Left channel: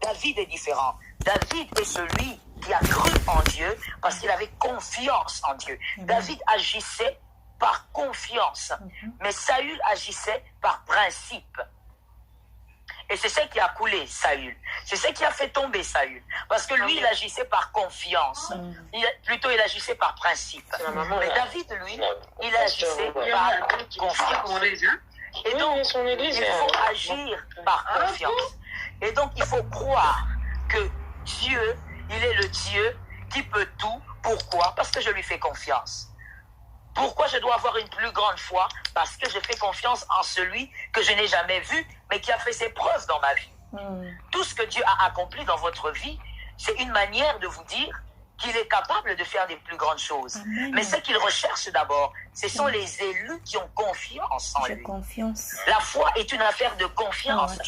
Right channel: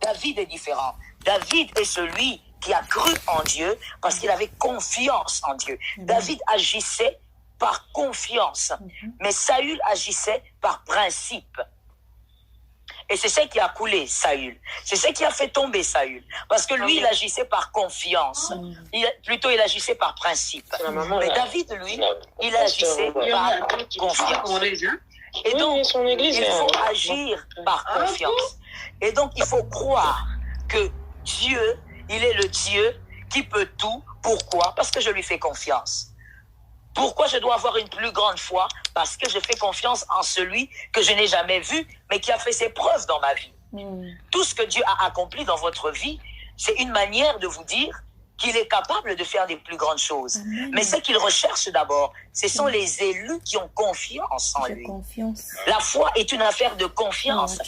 David est différent. David est celui qui a cru en Dieu parce qu'il avait confiance en Dieu. David agissait par confiance, mais Saül agissait par principe. Et c'est ce qui a coulé Saül. C'est ce qui a fait tomber Saül. Parce que lui, il agissait par confiance. Il agissait par principe. Mais David, lui, il agissait par confiance. Et donc, il faut agir par confiance. Et donc, il faut croire que Dieu, il est le Dieu qui peut tout. Pourquoi? Parce que je lui fais confiance. Pourquoi je dois avoir une plus grande foi? Parce que je fais confiance en celui que je n'ai jamais vu, mais qui a fait ses preuves dans ma vie. Tout ce que Dieu a accompli dans votre vie, c'est une manière de vous dire qu'il est capable de faire des plus grandes choses. Amen. Mais ce qu'il recherche d'abord, ce sont les élus qui ont confiance en lui. La foi est une affaire de confiance.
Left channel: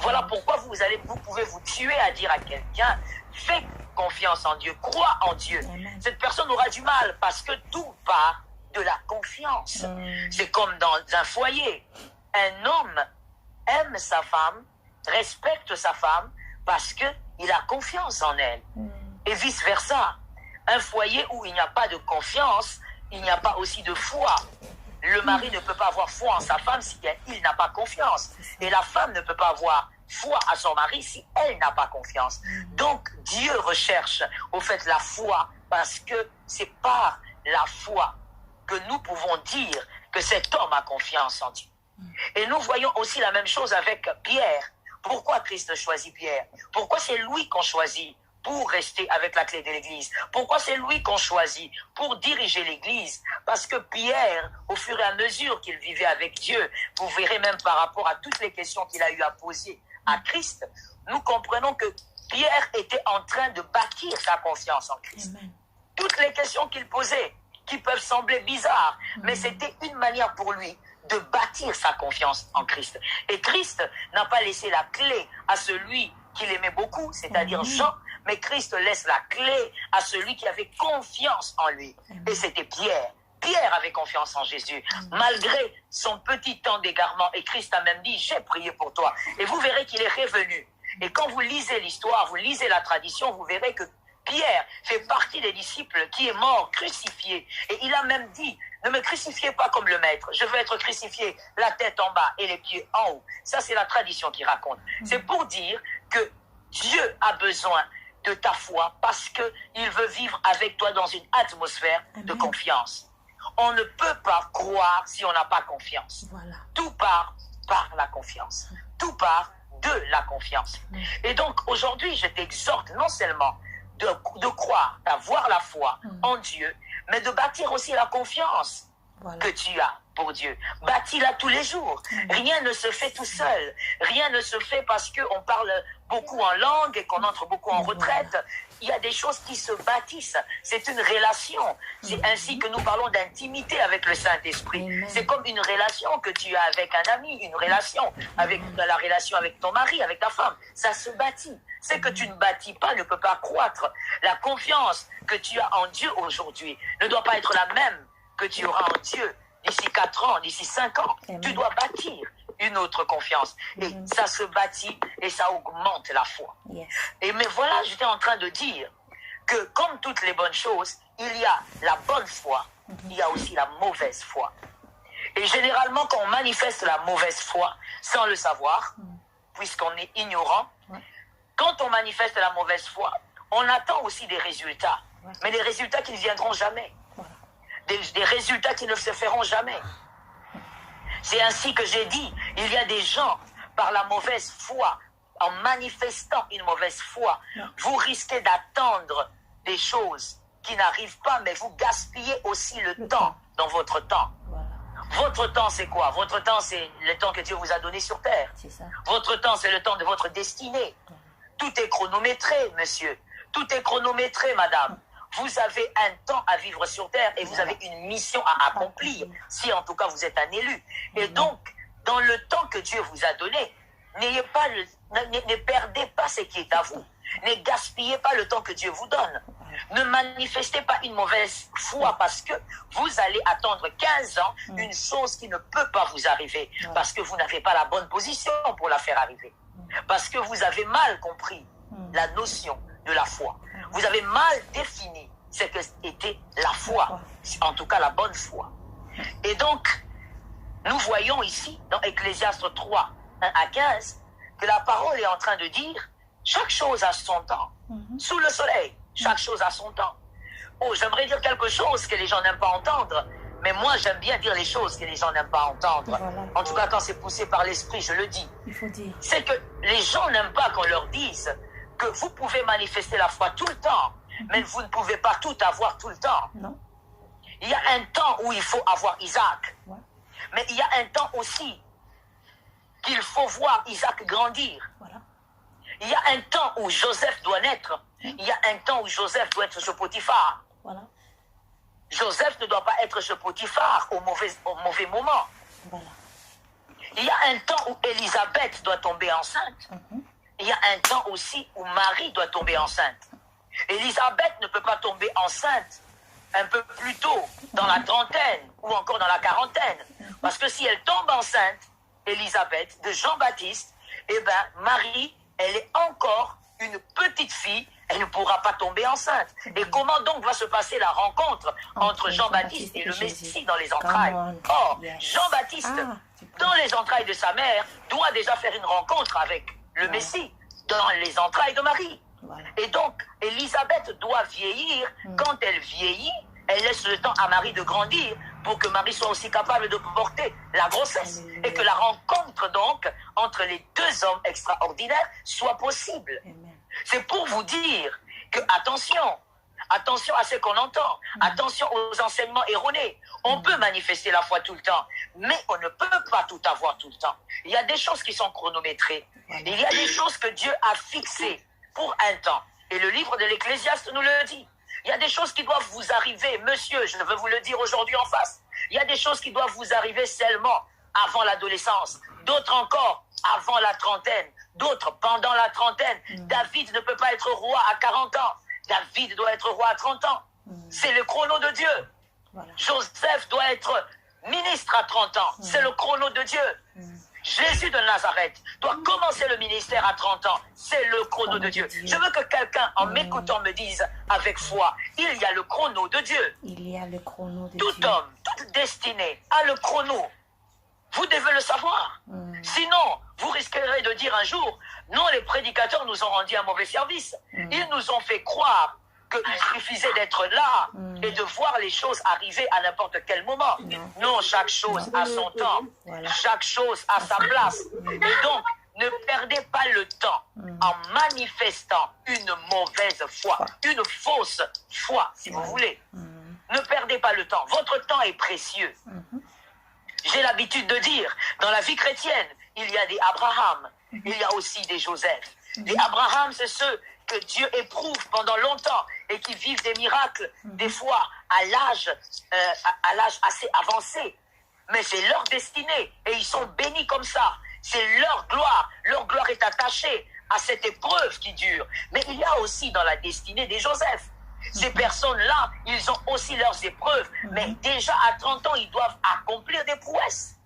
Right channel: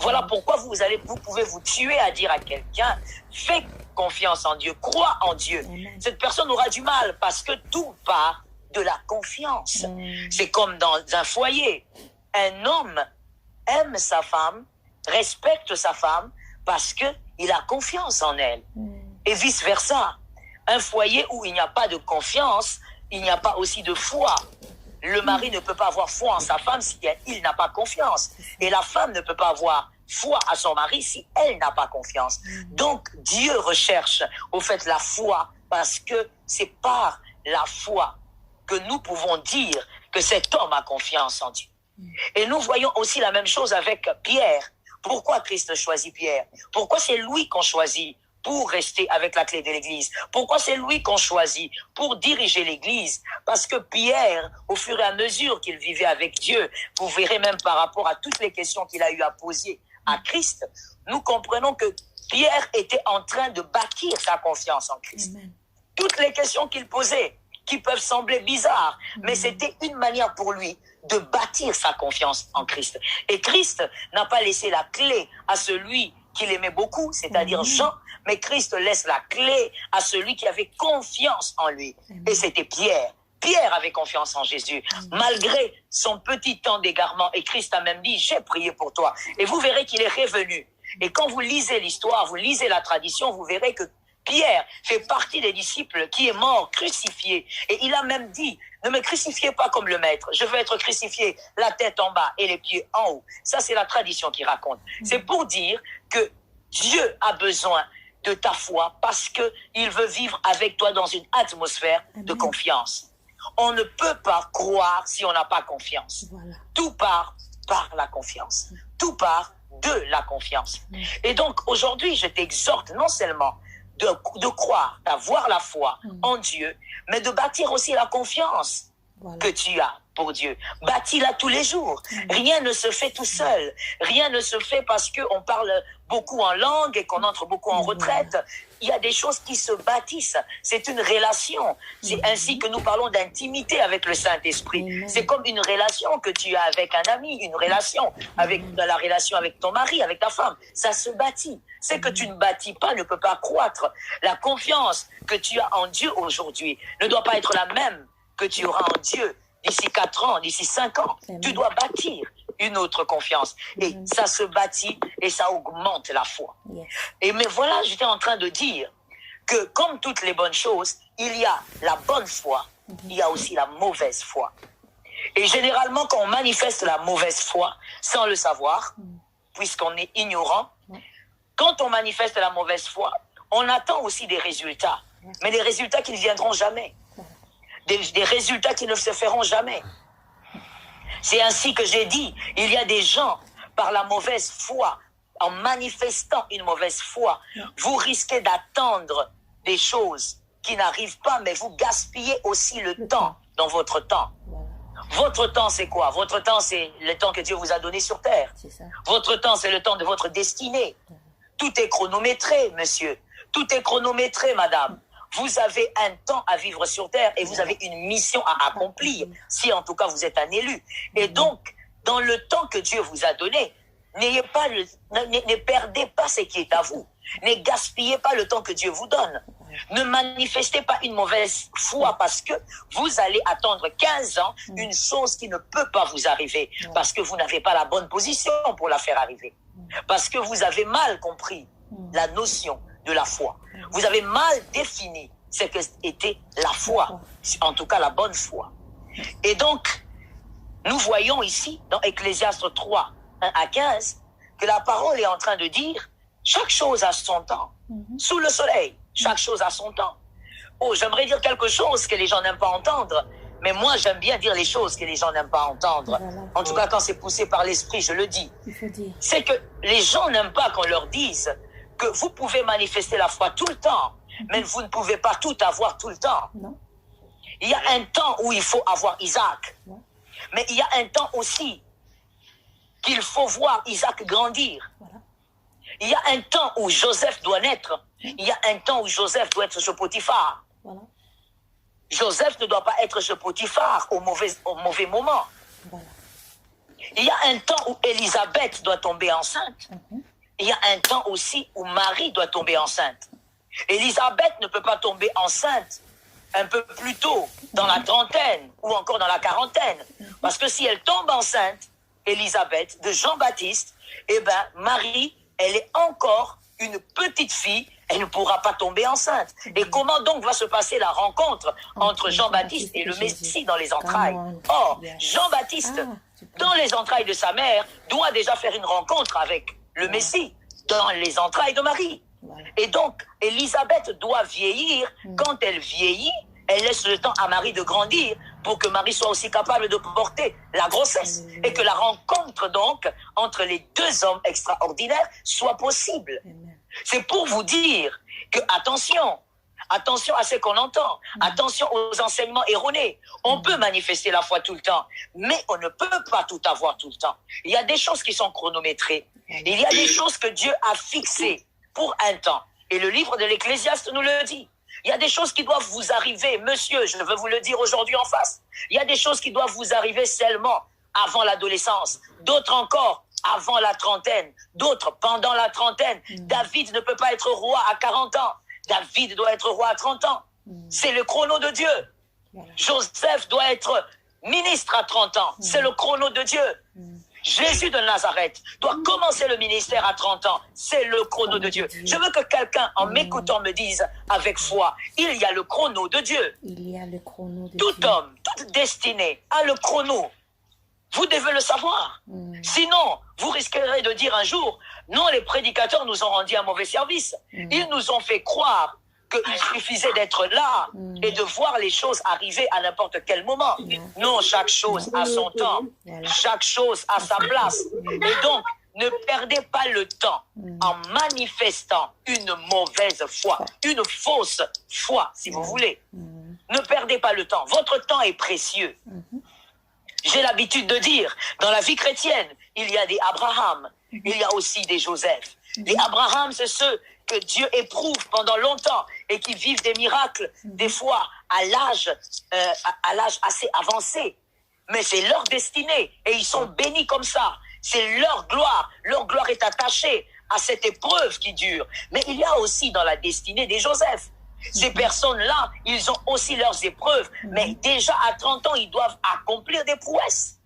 Voilà pourquoi vous pouvez vous tuer à dire à quelqu'un, fais confiance en Dieu, crois en Dieu. Amen. Cette personne aura du mal parce que tout part de la confiance. C'est comme dans un foyer. Un homme aime sa femme, respecte sa femme parce qu'il a confiance en elle. Et vice-versa. Un foyer où il n'y a pas de confiance, il n'y a pas aussi de foi. Le mari ne peut pas avoir foi en sa femme si il n'a pas confiance. Et la femme ne peut pas avoir foi à son mari si elle n'a pas confiance. Donc Dieu recherche au fait la foi parce que c'est par la foi que nous pouvons dire que cet homme a confiance en Dieu. Et nous voyons aussi la même chose avec Pierre. Pourquoi Christ choisit Pierre? Pourquoi c'est lui qu'on choisit pour rester avec la clé de l'Église? Pourquoi c'est lui qu'on choisit pour diriger l'Église? Parce que Pierre, au fur et à mesure qu'il vivait avec Dieu, vous verrez même par rapport à toutes les questions qu'il a eu à poser à Christ, nous comprenons que Pierre était en train de bâtir sa confiance en Christ. Amen. Toutes les questions qu'il posait, qui peuvent sembler bizarres, mais c'était une manière pour lui de bâtir sa confiance en Christ. Et Christ n'a pas laissé la clé à celui qu'il aimait beaucoup, c'est-à-dire Jean, mais Christ laisse la clé à celui qui avait confiance en lui. Et c'était Pierre. Pierre avait confiance en Jésus, malgré son petit temps d'égarement. Et Christ a même dit, j'ai prié pour toi. Et vous verrez qu'il est revenu. Et quand vous lisez l'histoire, vous lisez la tradition, vous verrez que Pierre fait partie des disciples qui est mort, crucifié. Et il a même dit, ne me crucifiez pas comme le maître. Je veux être crucifié la tête en bas et les pieds en haut. Ça, c'est la tradition qui raconte. C'est pour dire que Dieu a besoin de ta foi parce qu'il veut vivre avec toi dans une atmosphère de confiance. On ne peut pas croire si on n'a pas confiance. Voilà. Tout part par la confiance. Tout part de la confiance. Et donc, aujourd'hui, je t'exhorte non seulement de croire, d'avoir la foi en Dieu, mais de bâtir aussi la confiance que tu as pour Dieu. Bâtis-la tous les jours. Rien ne se fait tout seul. Rien ne se fait parce qu'on parle beaucoup en langue et qu'on entre beaucoup en retraite. Il y a des choses qui se bâtissent. C'est une relation. C'est ainsi que nous parlons d'intimité avec le Saint-Esprit. C'est comme une relation que tu as avec un ami, une relation avec la relation avec ton mari, avec ta femme. Ça se bâtit. Ce que tu ne bâtis pas ne peut pas croître. La confiance que tu as en Dieu aujourd'hui ne doit pas être la même que tu auras en Dieu d'ici 4 ans, d'ici 5 ans. Tu dois bâtir une autre confiance. Et ça se bâtit et ça augmente la foi. Et mais voilà, j'étais en train de dire que comme toutes les bonnes choses, il y a la bonne foi, il y a aussi la mauvaise foi. Et généralement, quand on manifeste la mauvaise foi, sans le savoir, puisqu'on est ignorant, quand on manifeste la mauvaise foi, on attend aussi des résultats. Mais des résultats qui ne viendront jamais. Des résultats qui ne se feront jamais. C'est ainsi que j'ai dit, il y a des gens, par la mauvaise foi, en manifestant une mauvaise foi, vous risquez d'attendre des choses qui n'arrivent pas, mais vous gaspillez aussi le temps dans votre temps. Votre temps, c'est quoi? Votre temps, c'est le temps que Dieu vous a donné sur terre. Votre temps, c'est le temps de votre destinée. Tout est chronométré, monsieur. Tout est chronométré, madame. Vous avez un temps à vivre sur terre et vous avez une mission à accomplir, si en tout cas vous êtes un élu. Et donc, dans le temps que Dieu vous a donné, ne perdez pas ce qui est à vous. Ne gaspillez pas le temps que Dieu vous donne. Ne manifestez pas une mauvaise foi parce que vous allez attendre 15 ans une chose qui ne peut pas vous arriver parce que vous n'avez pas la bonne position pour la faire arriver. Parce que vous avez mal compris la notion de la foi. Vous avez mal défini ce qu'était la foi, en tout cas la bonne foi. Et donc, nous voyons ici, dans Ecclésiaste 3, 1 à 15, que la parole est en train de dire chaque chose a son temps. Sous le soleil, chaque chose a son temps. Oh, j'aimerais dire quelque chose que les gens n'aiment pas entendre, mais moi j'aime bien dire les choses que les gens n'aiment pas entendre. Voilà. En tout cas, quand c'est poussé par l'esprit, je le dis. Il faut dire. C'est que les gens n'aiment pas qu'on leur dise que vous pouvez manifester la foi tout le temps, mais vous ne pouvez pas tout avoir tout le temps. Non. Il y a un temps où il faut avoir Isaac, mais il y a un temps aussi qu'il faut voir Isaac grandir. Voilà. Il y a un temps où Joseph doit naître. Il y a un temps où Joseph doit être chez Potiphar. Voilà. Joseph ne doit pas être chez Potiphar au mauvais moment. Voilà. Il y a un temps où Élisabeth doit tomber enceinte. Il y a un temps aussi où Marie doit tomber enceinte. Élisabeth ne peut pas tomber enceinte un peu plus tôt, dans la trentaine ou encore dans la quarantaine. Parce que si elle tombe enceinte, Élisabeth, de Jean-Baptiste, eh bien, Marie, elle est encore une petite fille, elle ne pourra pas tomber enceinte. Et comment donc va se passer la rencontre entre Jean-Baptiste et le Messie dans les entrailles? Or, Jean-Baptiste, dans les entrailles de sa mère, doit déjà faire une rencontre avec le Messie dans les entrailles de Marie. Et donc, Élisabeth doit vieillir. Quand elle vieillit, elle laisse le temps à Marie de grandir pour que Marie soit aussi capable de porter la grossesse. Et que la rencontre, donc, entre les deux hommes extraordinaires soit possible. C'est pour vous dire que, attention à ce qu'on entend, attention aux enseignements erronés. On peut manifester la foi tout le temps, mais on ne peut pas tout avoir tout le temps. Il y a des choses qui sont chronométrées. Il y a des choses que Dieu a fixées pour un temps. Et le livre de l'Ecclésiaste nous le dit. Il y a des choses qui doivent vous arriver, monsieur, je veux vous le dire aujourd'hui en face. Il y a des choses qui doivent vous arriver seulement avant l'adolescence. D'autres encore avant la trentaine. D'autres pendant la trentaine. David ne peut pas être roi à 40 ans. David doit être roi à 30 ans. C'est le chrono de Dieu. Voilà. Joseph doit être ministre à 30 ans. C'est le chrono de Dieu. Jésus de Nazareth doit commencer le ministère à 30 ans. C'est le chrono de Dieu. Je veux que quelqu'un, en m'écoutant, me dise avec foi, il y a le chrono de Dieu. Il y a le chrono de Dieu. Tout homme, toute destinée a le chrono. Vous devez le savoir. Sinon, vous risquerez de dire un jour, non, les prédicateurs nous ont rendu un mauvais service. Ils nous ont fait croire qu'il suffisait d'être là et de voir les choses arriver à n'importe quel moment. Non, chaque chose a son temps. Voilà. Chaque chose a sa place. Et donc, ne perdez pas le temps en manifestant une mauvaise foi, une fausse foi, si vous voulez. Ne perdez pas le temps. Votre temps est précieux. J'ai l'habitude de dire, dans la vie chrétienne, il y a des Abraham, il y a aussi des Joseph. Les Abraham, c'est ceux que Dieu éprouve pendant longtemps et qui vivent des miracles, des fois à l'âge assez avancé. Mais c'est leur destinée et ils sont bénis comme ça. C'est leur gloire. Leur gloire est attachée à cette épreuve qui dure. Mais il y a aussi dans la destinée des Joseph. Ces personnes-là, ils ont aussi leurs épreuves. Mais déjà à 30 ans, ils doivent accomplir des prouesses.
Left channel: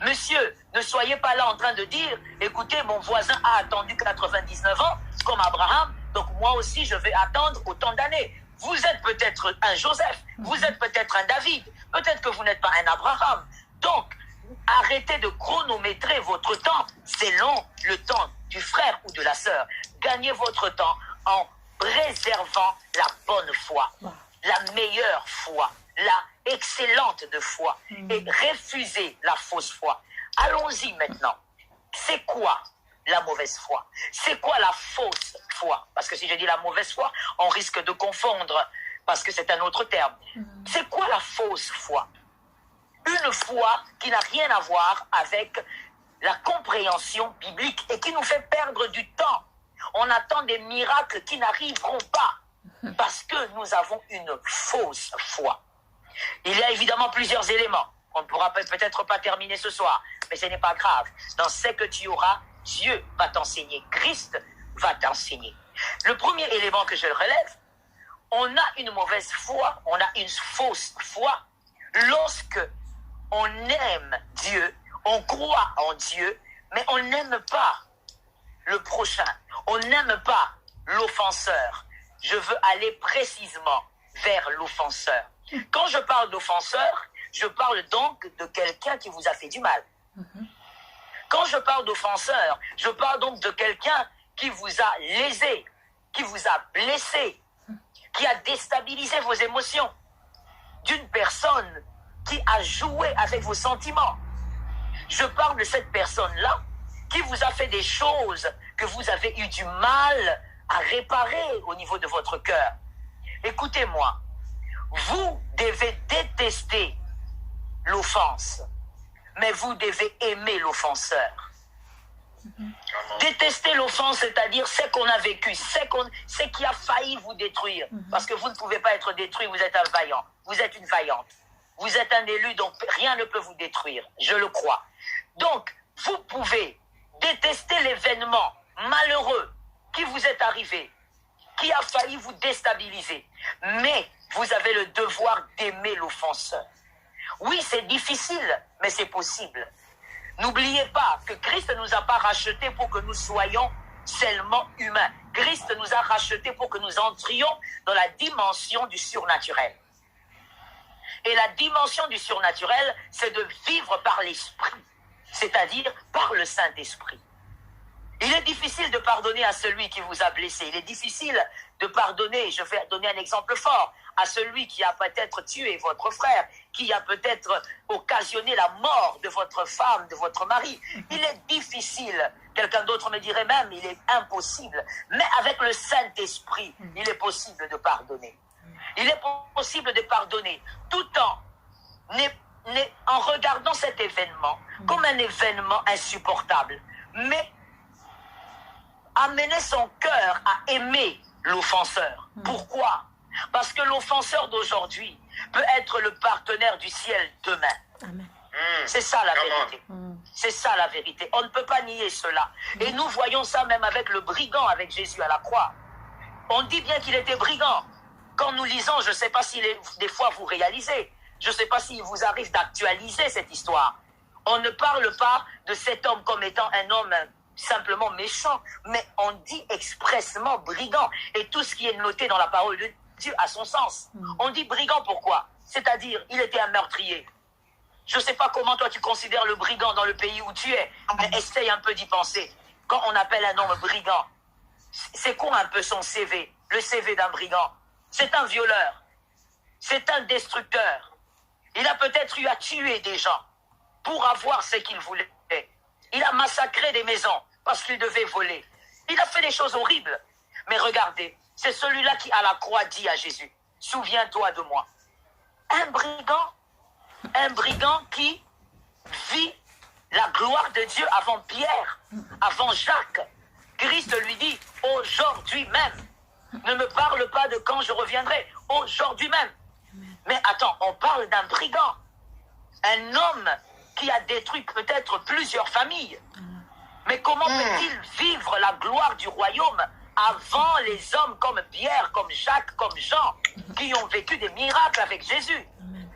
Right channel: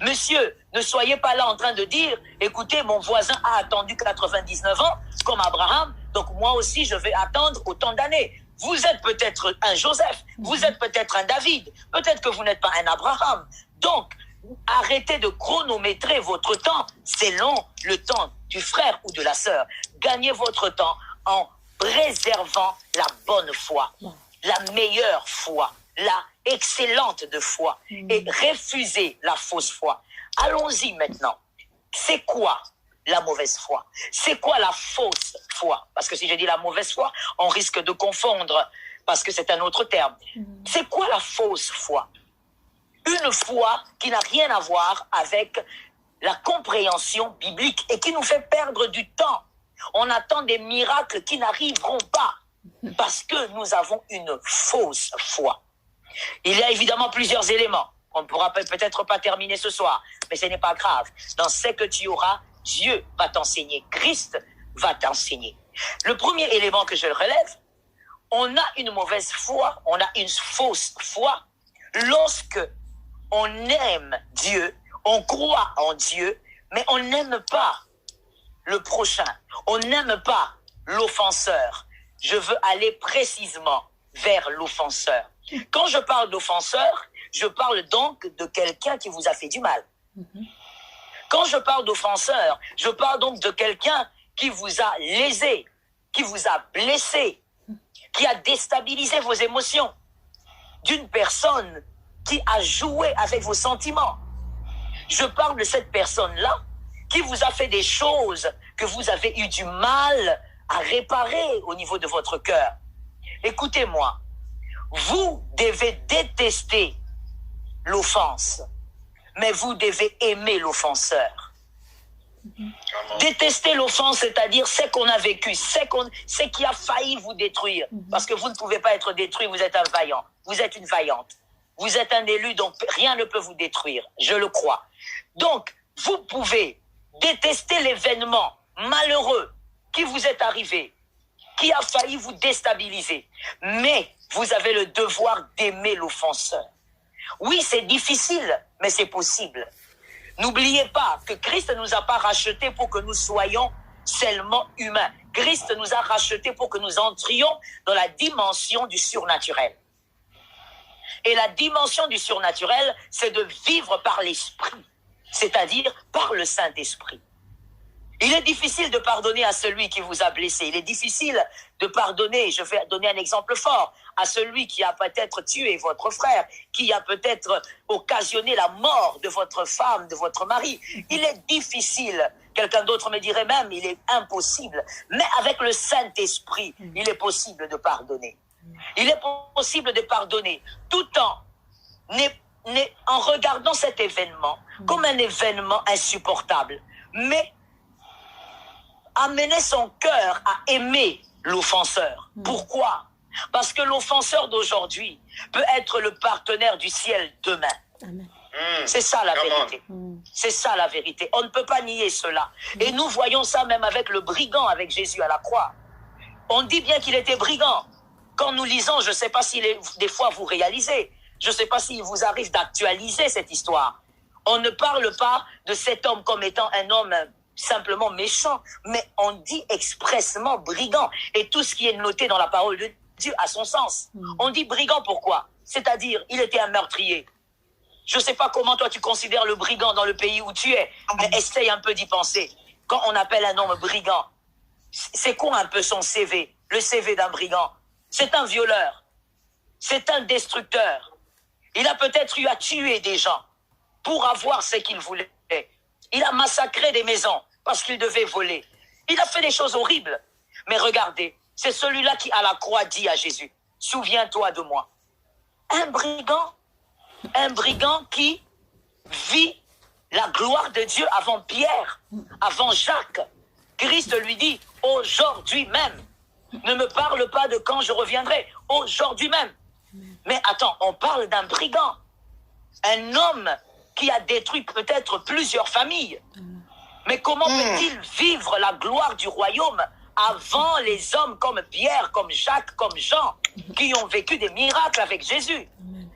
Monsieur, ne soyez pas là en train de dire, écoutez, mon voisin a attendu 99 ans, comme Abraham, donc moi aussi je vais attendre autant d'années. Vous êtes peut-être un Joseph, vous êtes peut-être un David, peut-être que vous n'êtes pas un Abraham. Donc, arrêtez de chronométrer votre temps selon le temps du frère ou de la sœur. Gagnez votre temps en préservant la bonne foi, la meilleure foi, la excellente de foi et refusez la fausse foi. Allons-y maintenant. C'est quoi la mauvaise foi? C'est quoi la fausse foi? Parce que si je dis la mauvaise foi, on risque de confondre parce que c'est un autre terme. C'est quoi la fausse foi? Une foi qui n'a rien à voir avec la compréhension biblique et qui nous fait perdre du temps. On attend des miracles qui n'arriveront pas parce que nous avons une fausse foi. Il y a évidemment plusieurs éléments. On ne pourra peut-être pas terminer ce soir, mais ce n'est pas grave. Dans ce que tu auras, Dieu va t'enseigner. Christ va t'enseigner. Le premier élément que je relève, on a une mauvaise foi, on a une fausse foi lorsque on aime Dieu, on croit en Dieu, mais on n'aime pas le prochain. On n'aime pas l'offenseur. Je veux aller précisément vers l'offenseur. Quand je parle d'offenseur, je parle donc de quelqu'un qui vous a fait du mal. Quand je parle d'offenseur, je parle donc de quelqu'un qui vous a lésé, qui vous a blessé, qui a déstabilisé vos émotions, d'une personne qui a joué avec vos sentiments. Je parle de cette personne-là qui vous a fait des choses que vous avez eu du mal à réparer au niveau de votre cœur. Écoutez-moi, vous devez détester l'offense, mais vous devez aimer l'offenseur. Détester l'offense, c'est-à-dire ce qu'on a vécu, ce qui a failli vous détruire. Parce que vous ne pouvez pas être détruit, vous êtes un vaillant, vous êtes une vaillante. Vous êtes un élu, donc rien ne peut vous détruire, je le crois. Donc, vous pouvez détester l'événement malheureux qui vous est arrivé, qui a failli vous déstabiliser. Mais vous avez le devoir d'aimer l'offenseur. Oui, c'est difficile, mais c'est possible. N'oubliez pas que Christ ne nous a pas rachetés pour que nous soyons seulement humains. Christ nous a rachetés pour que nous entrions dans la dimension du surnaturel. Et la dimension du surnaturel, c'est de vivre par l'Esprit, c'est-à-dire par le Saint-Esprit. Il est difficile de pardonner à celui qui vous a blessé. Il est difficile de pardonner, je vais donner un exemple fort, à celui qui a peut-être tué votre frère, qui a peut-être occasionné la mort de votre femme, de votre mari. Il est difficile, quelqu'un d'autre me dirait même, il est impossible. Mais avec le Saint-Esprit, il est possible de pardonner. Il est possible de pardonner tout en regardant cet événement comme un événement insupportable. Mais amener son cœur à aimer l'offenseur. Pourquoi? Parce que l'offenseur d'aujourd'hui peut être le partenaire du ciel demain. Amen. C'est ça la vérité. C'est ça la vérité. On ne peut pas nier cela. Et nous voyons ça même avec le brigand, avec Jésus à la croix. On dit bien qu'il était brigand. Quand nous lisons, je ne sais pas si des fois vous réalisez, je ne sais pas s'il vous arrive d'actualiser cette histoire. On ne parle pas de cet homme comme étant un homme simplement méchant, mais on dit expressement brigand. Et tout ce qui est noté dans la parole de Dieu a son sens. On dit brigand pourquoi? C'est-à-dire, il était un meurtrier. Je ne sais pas comment toi tu considères le brigand dans le pays où tu es, mais essaye un peu d'y penser. Quand on appelle un homme brigand, c'est quoi un peu son CV? Le CV d'un brigand? C'est un violeur. C'est un destructeur. Il a peut-être eu à tuer des gens pour avoir ce qu'il voulait. Il a massacré des maisons parce qu'il devait voler. Il a fait des choses horribles. Mais regardez, c'est celui-là qui à la croix dit à Jésus, « Souviens-toi de moi. » Un brigand qui vit la gloire de Dieu avant Pierre, avant Jacques. Christ lui dit, « Aujourd'hui même, ne me parle pas de quand je reviendrai, aujourd'hui même. » Mais attends, on parle d'un brigand, un homme qui a détruit peut-être plusieurs familles. Mais comment peut-il vivre la gloire du royaume avant les hommes comme Pierre, comme Jacques, comme Jean, qui ont vécu des miracles avec Jésus?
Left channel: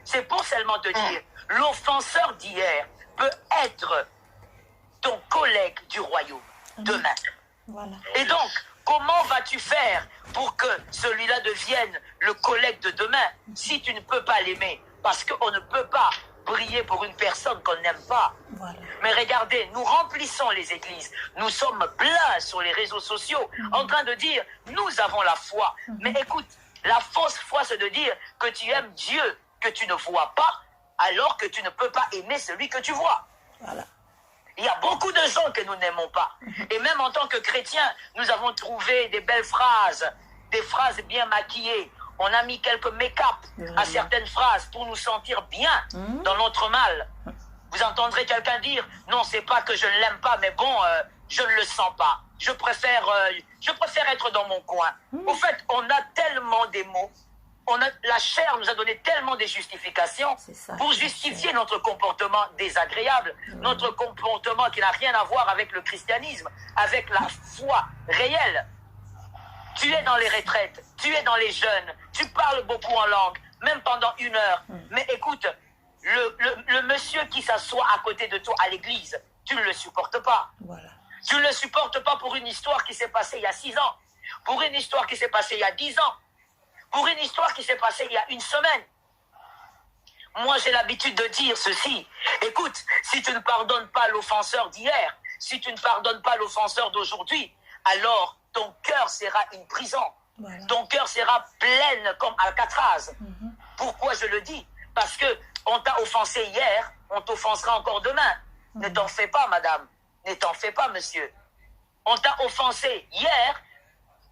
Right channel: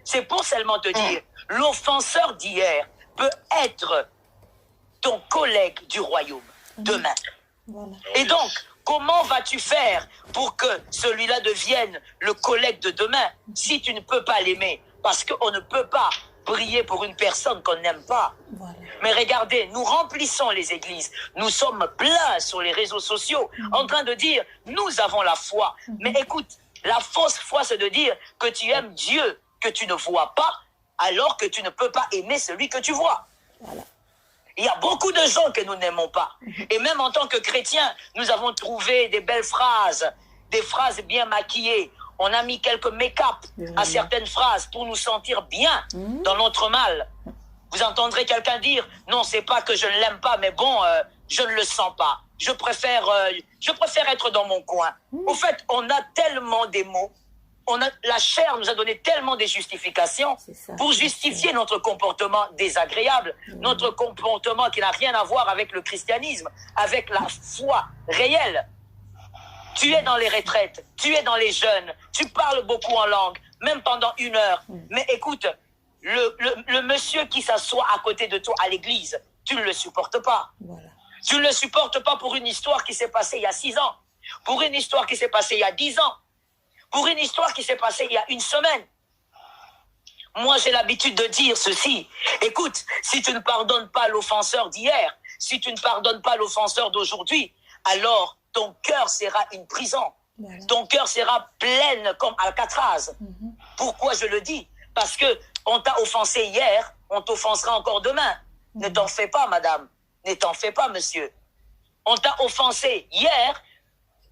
C'est pour seulement te dire, l'offenseur d'hier peut être ton collègue du royaume demain. Voilà. Et donc, comment vas-tu faire pour que celui-là devienne le collègue de demain si tu ne peux pas l'aimer? Parce qu'on ne peut pas prier pour une personne qu'on n'aime pas. Voilà. Mais regardez, nous remplissons les églises. Nous sommes pleins sur les réseaux sociaux en train de dire, nous avons la foi. Mais écoute, la fausse foi, c'est de dire que tu aimes Dieu que tu ne vois pas, alors que tu ne peux pas aimer celui que tu vois. Voilà. Il y a beaucoup de gens que nous n'aimons pas. Et même en tant que chrétiens, nous avons trouvé des belles phrases, des phrases bien maquillées. On a mis quelques make-up à certaines phrases pour nous sentir bien dans notre mal. Vous entendrez quelqu'un dire, non, c'est pas que je ne l'aime pas, mais bon, je ne le sens pas. Je préfère être dans mon coin. Au fait, on a tellement des mots. La chair nous a donné tellement de justifications pour justifier notre comportement désagréable, notre comportement qui n'a rien à voir avec le christianisme, avec la foi réelle. Tu es dans les retraites, tu es dans les jeûnes, tu parles beaucoup en langue, même pendant 1 heure. Mais écoute, le monsieur qui s'assoit à côté de toi à l'église, tu ne le supportes pas. Voilà. Tu ne le supportes pas pour une histoire qui s'est passée il y a 6 ans. pour une histoire qui s'est passée il y a 10 ans, pour une histoire qui s'est passée il y a une semaine. Moi, j'ai l'habitude de dire ceci. Écoute, si tu ne pardonnes pas l'offenseur d'hier, si tu ne pardonnes pas l'offenseur d'aujourd'hui, alors ton cœur sera une prison. Voilà. Ton cœur sera plein comme Alcatraz. Pourquoi je le dis? Parce que on t'a offensé hier, on t'offensera encore demain. Ne t'en fais pas, madame. Ne t'en fais pas, monsieur. On t'a offensé hier,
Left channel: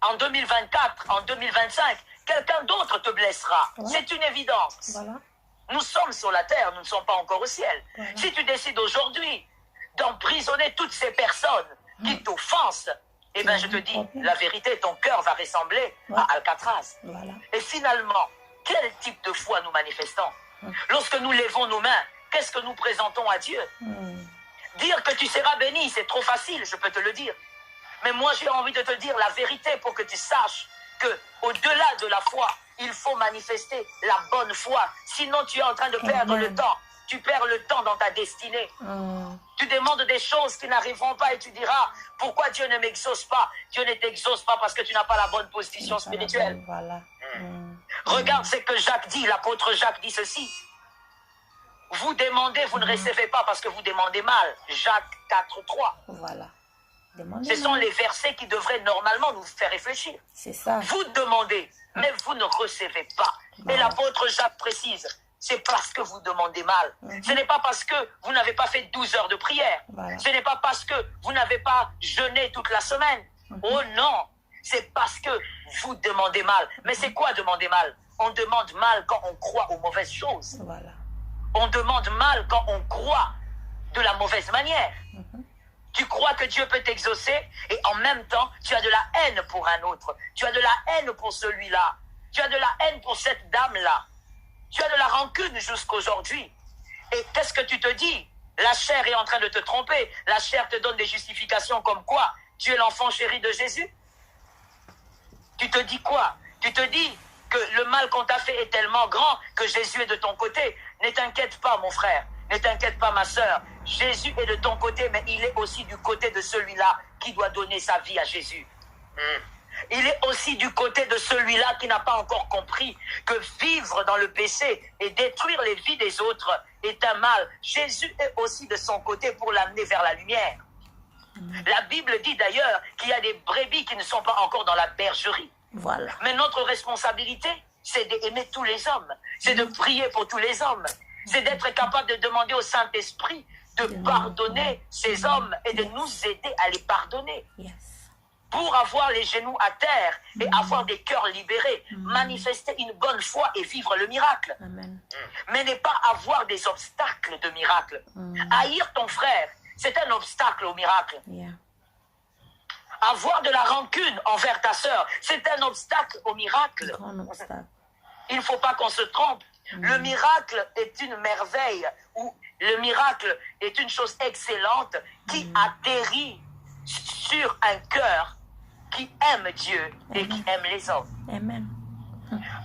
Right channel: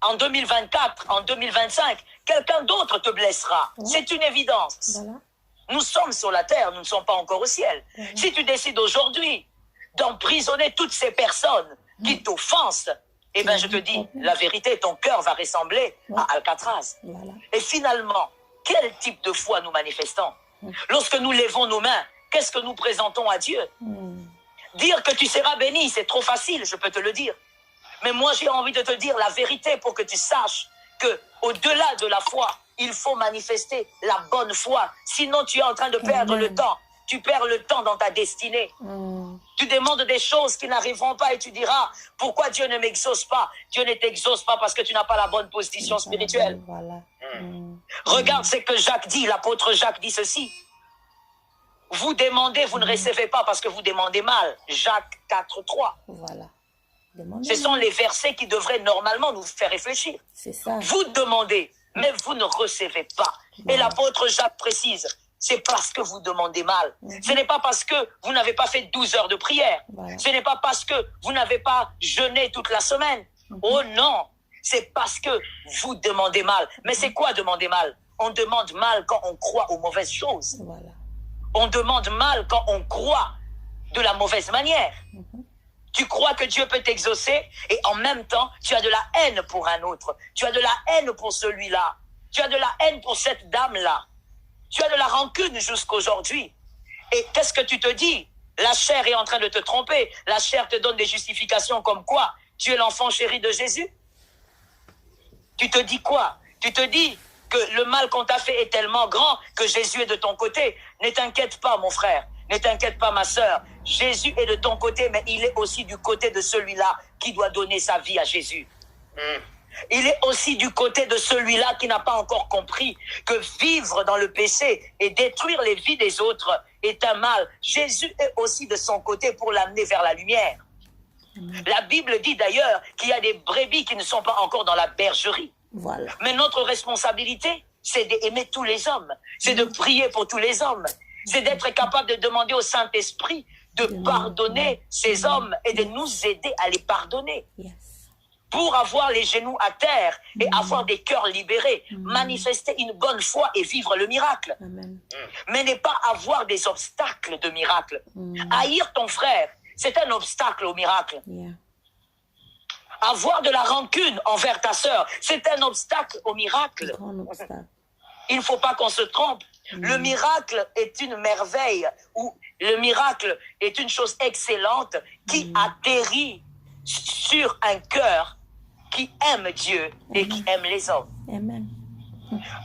en 2024, en 2025, quelqu'un d'autre te blessera. Voilà. C'est une évidence. Voilà. Nous sommes sur la terre, nous ne sommes pas encore au ciel. Voilà. Si tu décides aujourd'hui d'emprisonner toutes ces personnes qui t'offensent, eh bien, je te dis, la vérité, ton cœur va ressembler à Alcatraz. Voilà. Et finalement, quel type de foi nous manifestons? Lorsque nous lèvons nos mains, qu'est-ce que nous présentons à Dieu? Dire que tu seras béni, c'est trop facile, je peux te le dire. Mais moi, j'ai envie de te dire la vérité pour que tu saches que au-delà de la foi, il faut manifester la bonne foi. Sinon, tu es en train de perdre le temps. Tu perds le temps dans ta destinée. Tu demandes des choses qui n'arriveront pas et tu diras, pourquoi Dieu ne m'exauce pas? Dieu ne t'exauce pas parce que tu n'as pas la bonne position spirituelle. Voilà. Regarde ce que Jacques dit, l'apôtre Jacques dit ceci. Vous demandez, vous ne recevez pas parce que vous demandez mal. Jacques 4:3. Voilà. Ce sont les versets qui devraient normalement nous faire réfléchir. C'est ça. Vous demandez, mais vous ne recevez pas. Voilà. Et l'apôtre Jacques précise, c'est parce que vous demandez mal. Ce n'est pas parce que vous n'avez pas fait 12 heures de prière. Voilà. Ce n'est pas parce que vous n'avez pas jeûné toute la semaine. Oh non, c'est parce que vous demandez mal. Mais c'est quoi demander mal? On demande mal quand on croit aux mauvaises choses. Voilà. On demande mal quand on croit de la mauvaise manière. Tu crois que Dieu peut t'exaucer et en même temps, tu as de la haine pour un autre. Tu as de la haine pour celui-là. Tu as de la haine pour cette dame-là. Tu as de la rancune jusqu'aujourd'hui. Et qu'est-ce que tu te dis? La chair est en train de te tromper. La chair te donne des justifications comme quoi? Tu es l'enfant chéri de Jésus? Tu te dis quoi? Tu te dis que le mal qu'on t'a fait est tellement grand que Jésus est de ton côté. Ne t'inquiète pas, mon frère. Ne t'inquiète pas, ma sœur. Jésus est de ton côté, mais il est aussi du côté de celui-là qui doit donner sa vie à Jésus. Il est aussi du côté de celui-là qui n'a pas encore compris que vivre dans le péché et détruire les vies des autres est un mal. Jésus est aussi de son côté pour l'amener vers la lumière. La Bible dit d'ailleurs qu'il y a des brebis qui ne sont pas encore dans la bergerie. Voilà. Mais notre responsabilité, c'est d'aimer tous les hommes. C'est de prier pour tous les hommes. C'est d'être capable de demander au Saint-Esprit de pardonner ces hommes et de nous aider à les pardonner. Yes. Pour avoir les genoux à terre et avoir des cœurs libérés, manifester une bonne foi et vivre le miracle. Amen. Mais ne pas avoir des obstacles de miracle. Haïr ton frère, c'est un obstacle au miracle. Yeah. Avoir de la rancune envers ta sœur, c'est un obstacle au miracle. Il ne faut pas qu'on se trompe. Le miracle est une merveille, ou le miracle est une chose excellente qui atterrit sur un cœur qui aime Dieu et qui aime les hommes. Amen.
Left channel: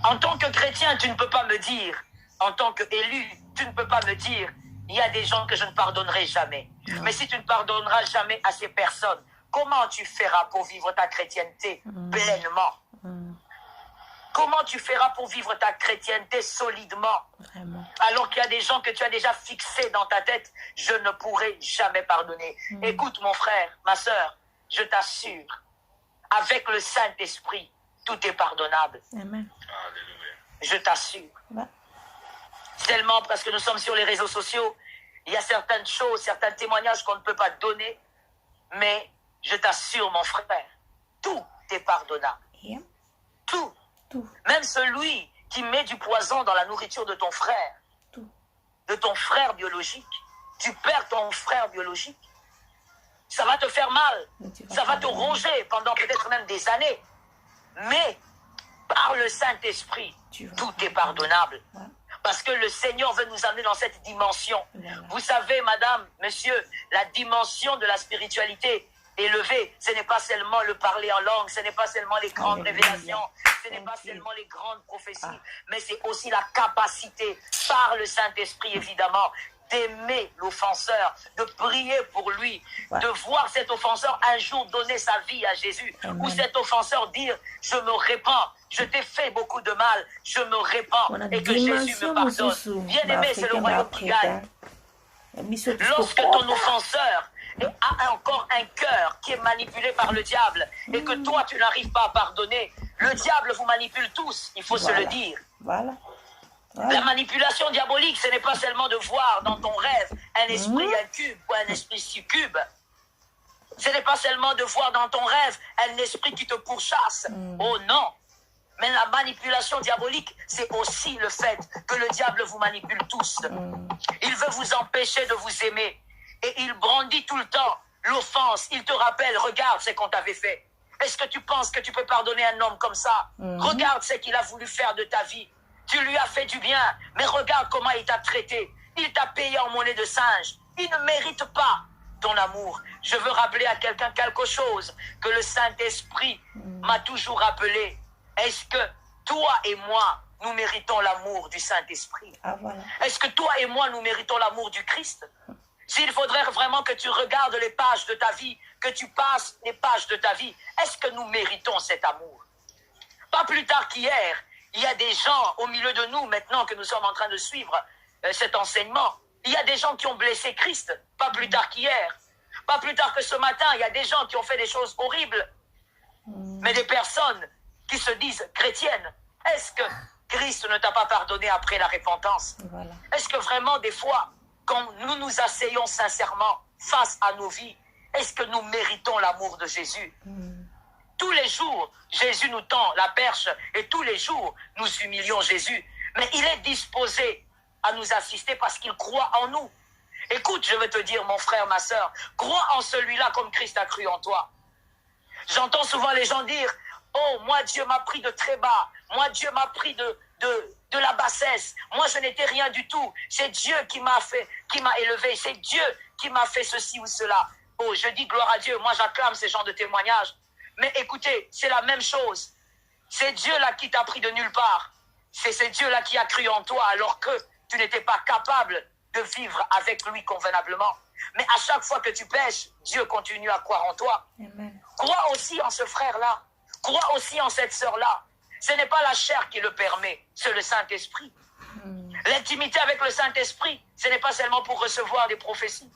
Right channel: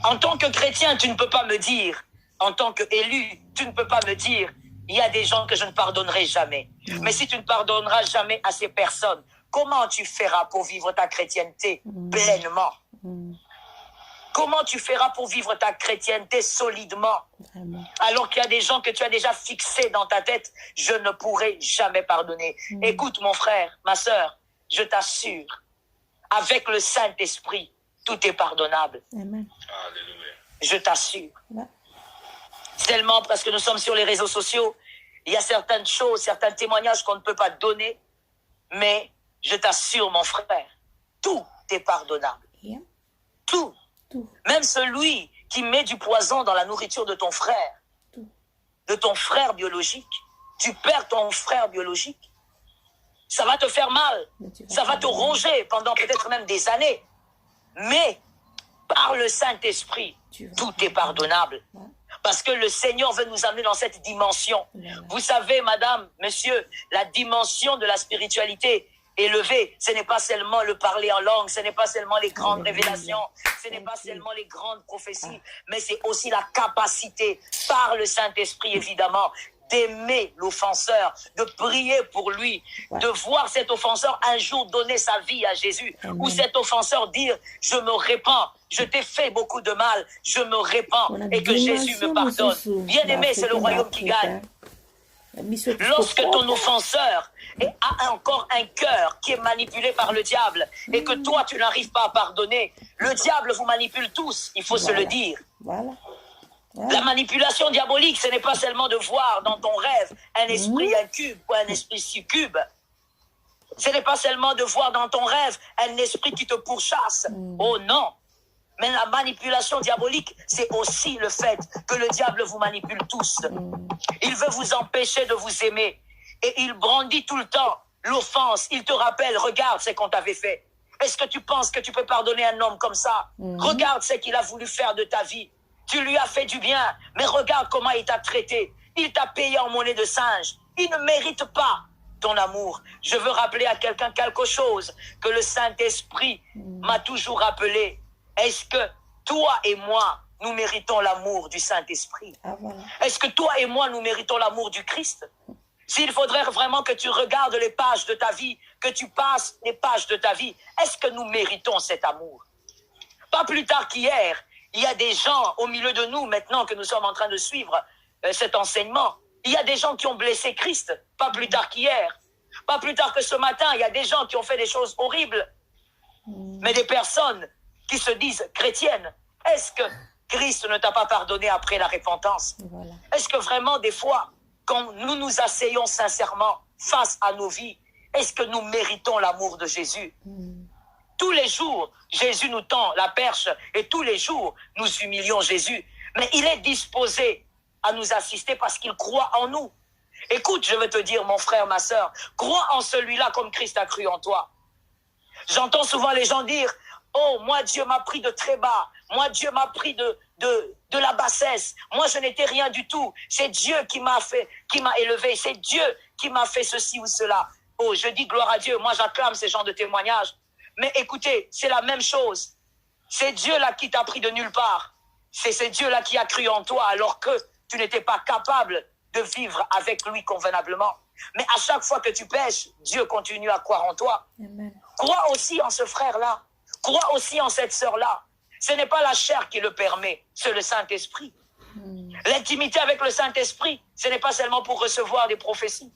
En tant que chrétien, tu ne peux pas me dire, en tant qu'élu, tu ne peux pas me dire, il y a des gens que je ne pardonnerai jamais. Non. Mais si tu ne pardonneras jamais à ces personnes, comment tu feras pour vivre ta chrétienté pleinement? Comment tu feras pour vivre ta chrétienté solidement? Vraiment. Alors qu'il y a des gens que tu as déjà fixés dans ta tête, je ne pourrai jamais pardonner. Écoute mon frère, ma sœur, je t'assure, avec le Saint-Esprit, tout est pardonnable. Amen. Je t'assure. Ouais. Seulement parce que nous sommes sur les réseaux sociaux, il y a certaines choses, certains témoignages qu'on ne peut pas donner, mais je t'assure mon frère, tout est pardonnable. Yeah. Tout. Même celui qui met du poison dans la nourriture de ton frère, de ton frère biologique. Tu perds ton frère biologique. Ça va te faire mal. Ça va te ronger pendant peut-être même des années. Mais par le Saint-Esprit, tout est pardonnable. Parce que le Seigneur veut nous amener dans cette dimension. Vous savez, madame, monsieur, la dimension de la spiritualité élevé, ce n'est pas seulement le parler en langue, ce n'est pas seulement les grandes révélations, ce n'est pas seulement les grandes prophéties, mais c'est aussi la capacité, par le Saint-Esprit évidemment, d'aimer l'offenseur, de prier pour lui, de voir cet offenseur un jour donner sa vie à Jésus, ou cet offenseur dire « je me répands, je t'ai fait beaucoup de mal, je me répands et que Jésus me pardonne ». Bien aimé, c'est le royaume qui gagne. Lorsque ton offenseur a encore un cœur qui est manipulé par le diable et que toi tu n'arrives pas à pardonner, le diable vous manipule tous, il faut se le dire. La manipulation diabolique, ce n'est pas seulement de voir dans ton rêve un esprit incube ou un esprit succube. Ce n'est pas seulement de voir dans ton rêve un esprit qui te pourchasse. Oh non! Mais la manipulation diabolique, c'est aussi le fait que le diable vous manipule tous. Il veut vous empêcher de vous aimer. Et il brandit tout le temps l'offense. Il te rappelle, regarde ce qu'on t'avait fait. Est-ce que tu penses que tu peux pardonner un homme comme ça? Regarde ce qu'il a voulu faire de ta vie. Tu lui as fait du bien, mais regarde comment il t'a traité. Il t'a payé en monnaie de singe. Il ne mérite pas ton amour. Je veux rappeler à quelqu'un quelque chose que le Saint-Esprit m'a toujours rappelé. Est-ce que toi et moi, nous méritons l'amour du Saint-Esprit? Est-ce que toi et moi, nous méritons l'amour du Christ? S'il faudrait vraiment que tu regardes les pages de ta vie, que tu passes les pages de ta vie, est-ce que nous méritons cet amour? Pas plus tard qu'hier, il y a des gens au milieu de nous, maintenant que nous sommes en train de suivre cet enseignement, il y a des gens qui ont blessé Christ, pas plus tard qu'hier. Pas plus tard que ce matin, il y a des gens qui ont fait des choses horribles. Mais des personnes qui se disent chrétiennes, est-ce que Christ ne t'a pas pardonné après la repentance? Est-ce que vraiment des fois, quand nous nous asseyons sincèrement face à nos vies, est-ce que nous méritons l'amour de Jésus? Tous les jours, Jésus nous tend la perche et tous les jours, nous humilions Jésus. Mais il est disposé à nous assister parce qu'il croit en nous. Écoute, je veux te dire, mon frère, ma sœur, crois en celui-là comme Christ a cru en toi. J'entends souvent les gens dire, oh, moi, Dieu m'a pris de très bas. Moi, Dieu m'a pris de la bassesse. Moi, je n'étais rien du tout. C'est Dieu qui m'a fait, qui m'a élevé. C'est Dieu qui m'a fait ceci ou cela. Oh, je dis gloire à Dieu. Moi, j'acclame ces genres de témoignages. Mais écoutez, c'est la même chose. C'est Dieu-là qui t'a pris de nulle part. C'est Dieu-là qui a cru en toi alors que tu n'étais pas capable de vivre avec lui convenablement. Mais à chaque fois que tu pèches, Dieu continue à croire en toi. Amen. Crois aussi en ce frère-là. Crois aussi en cette sœur-là. Ce n'est pas la chair qui le permet, c'est le Saint-Esprit. L'intimité avec le Saint-Esprit, ce n'est pas seulement pour recevoir des prophéties.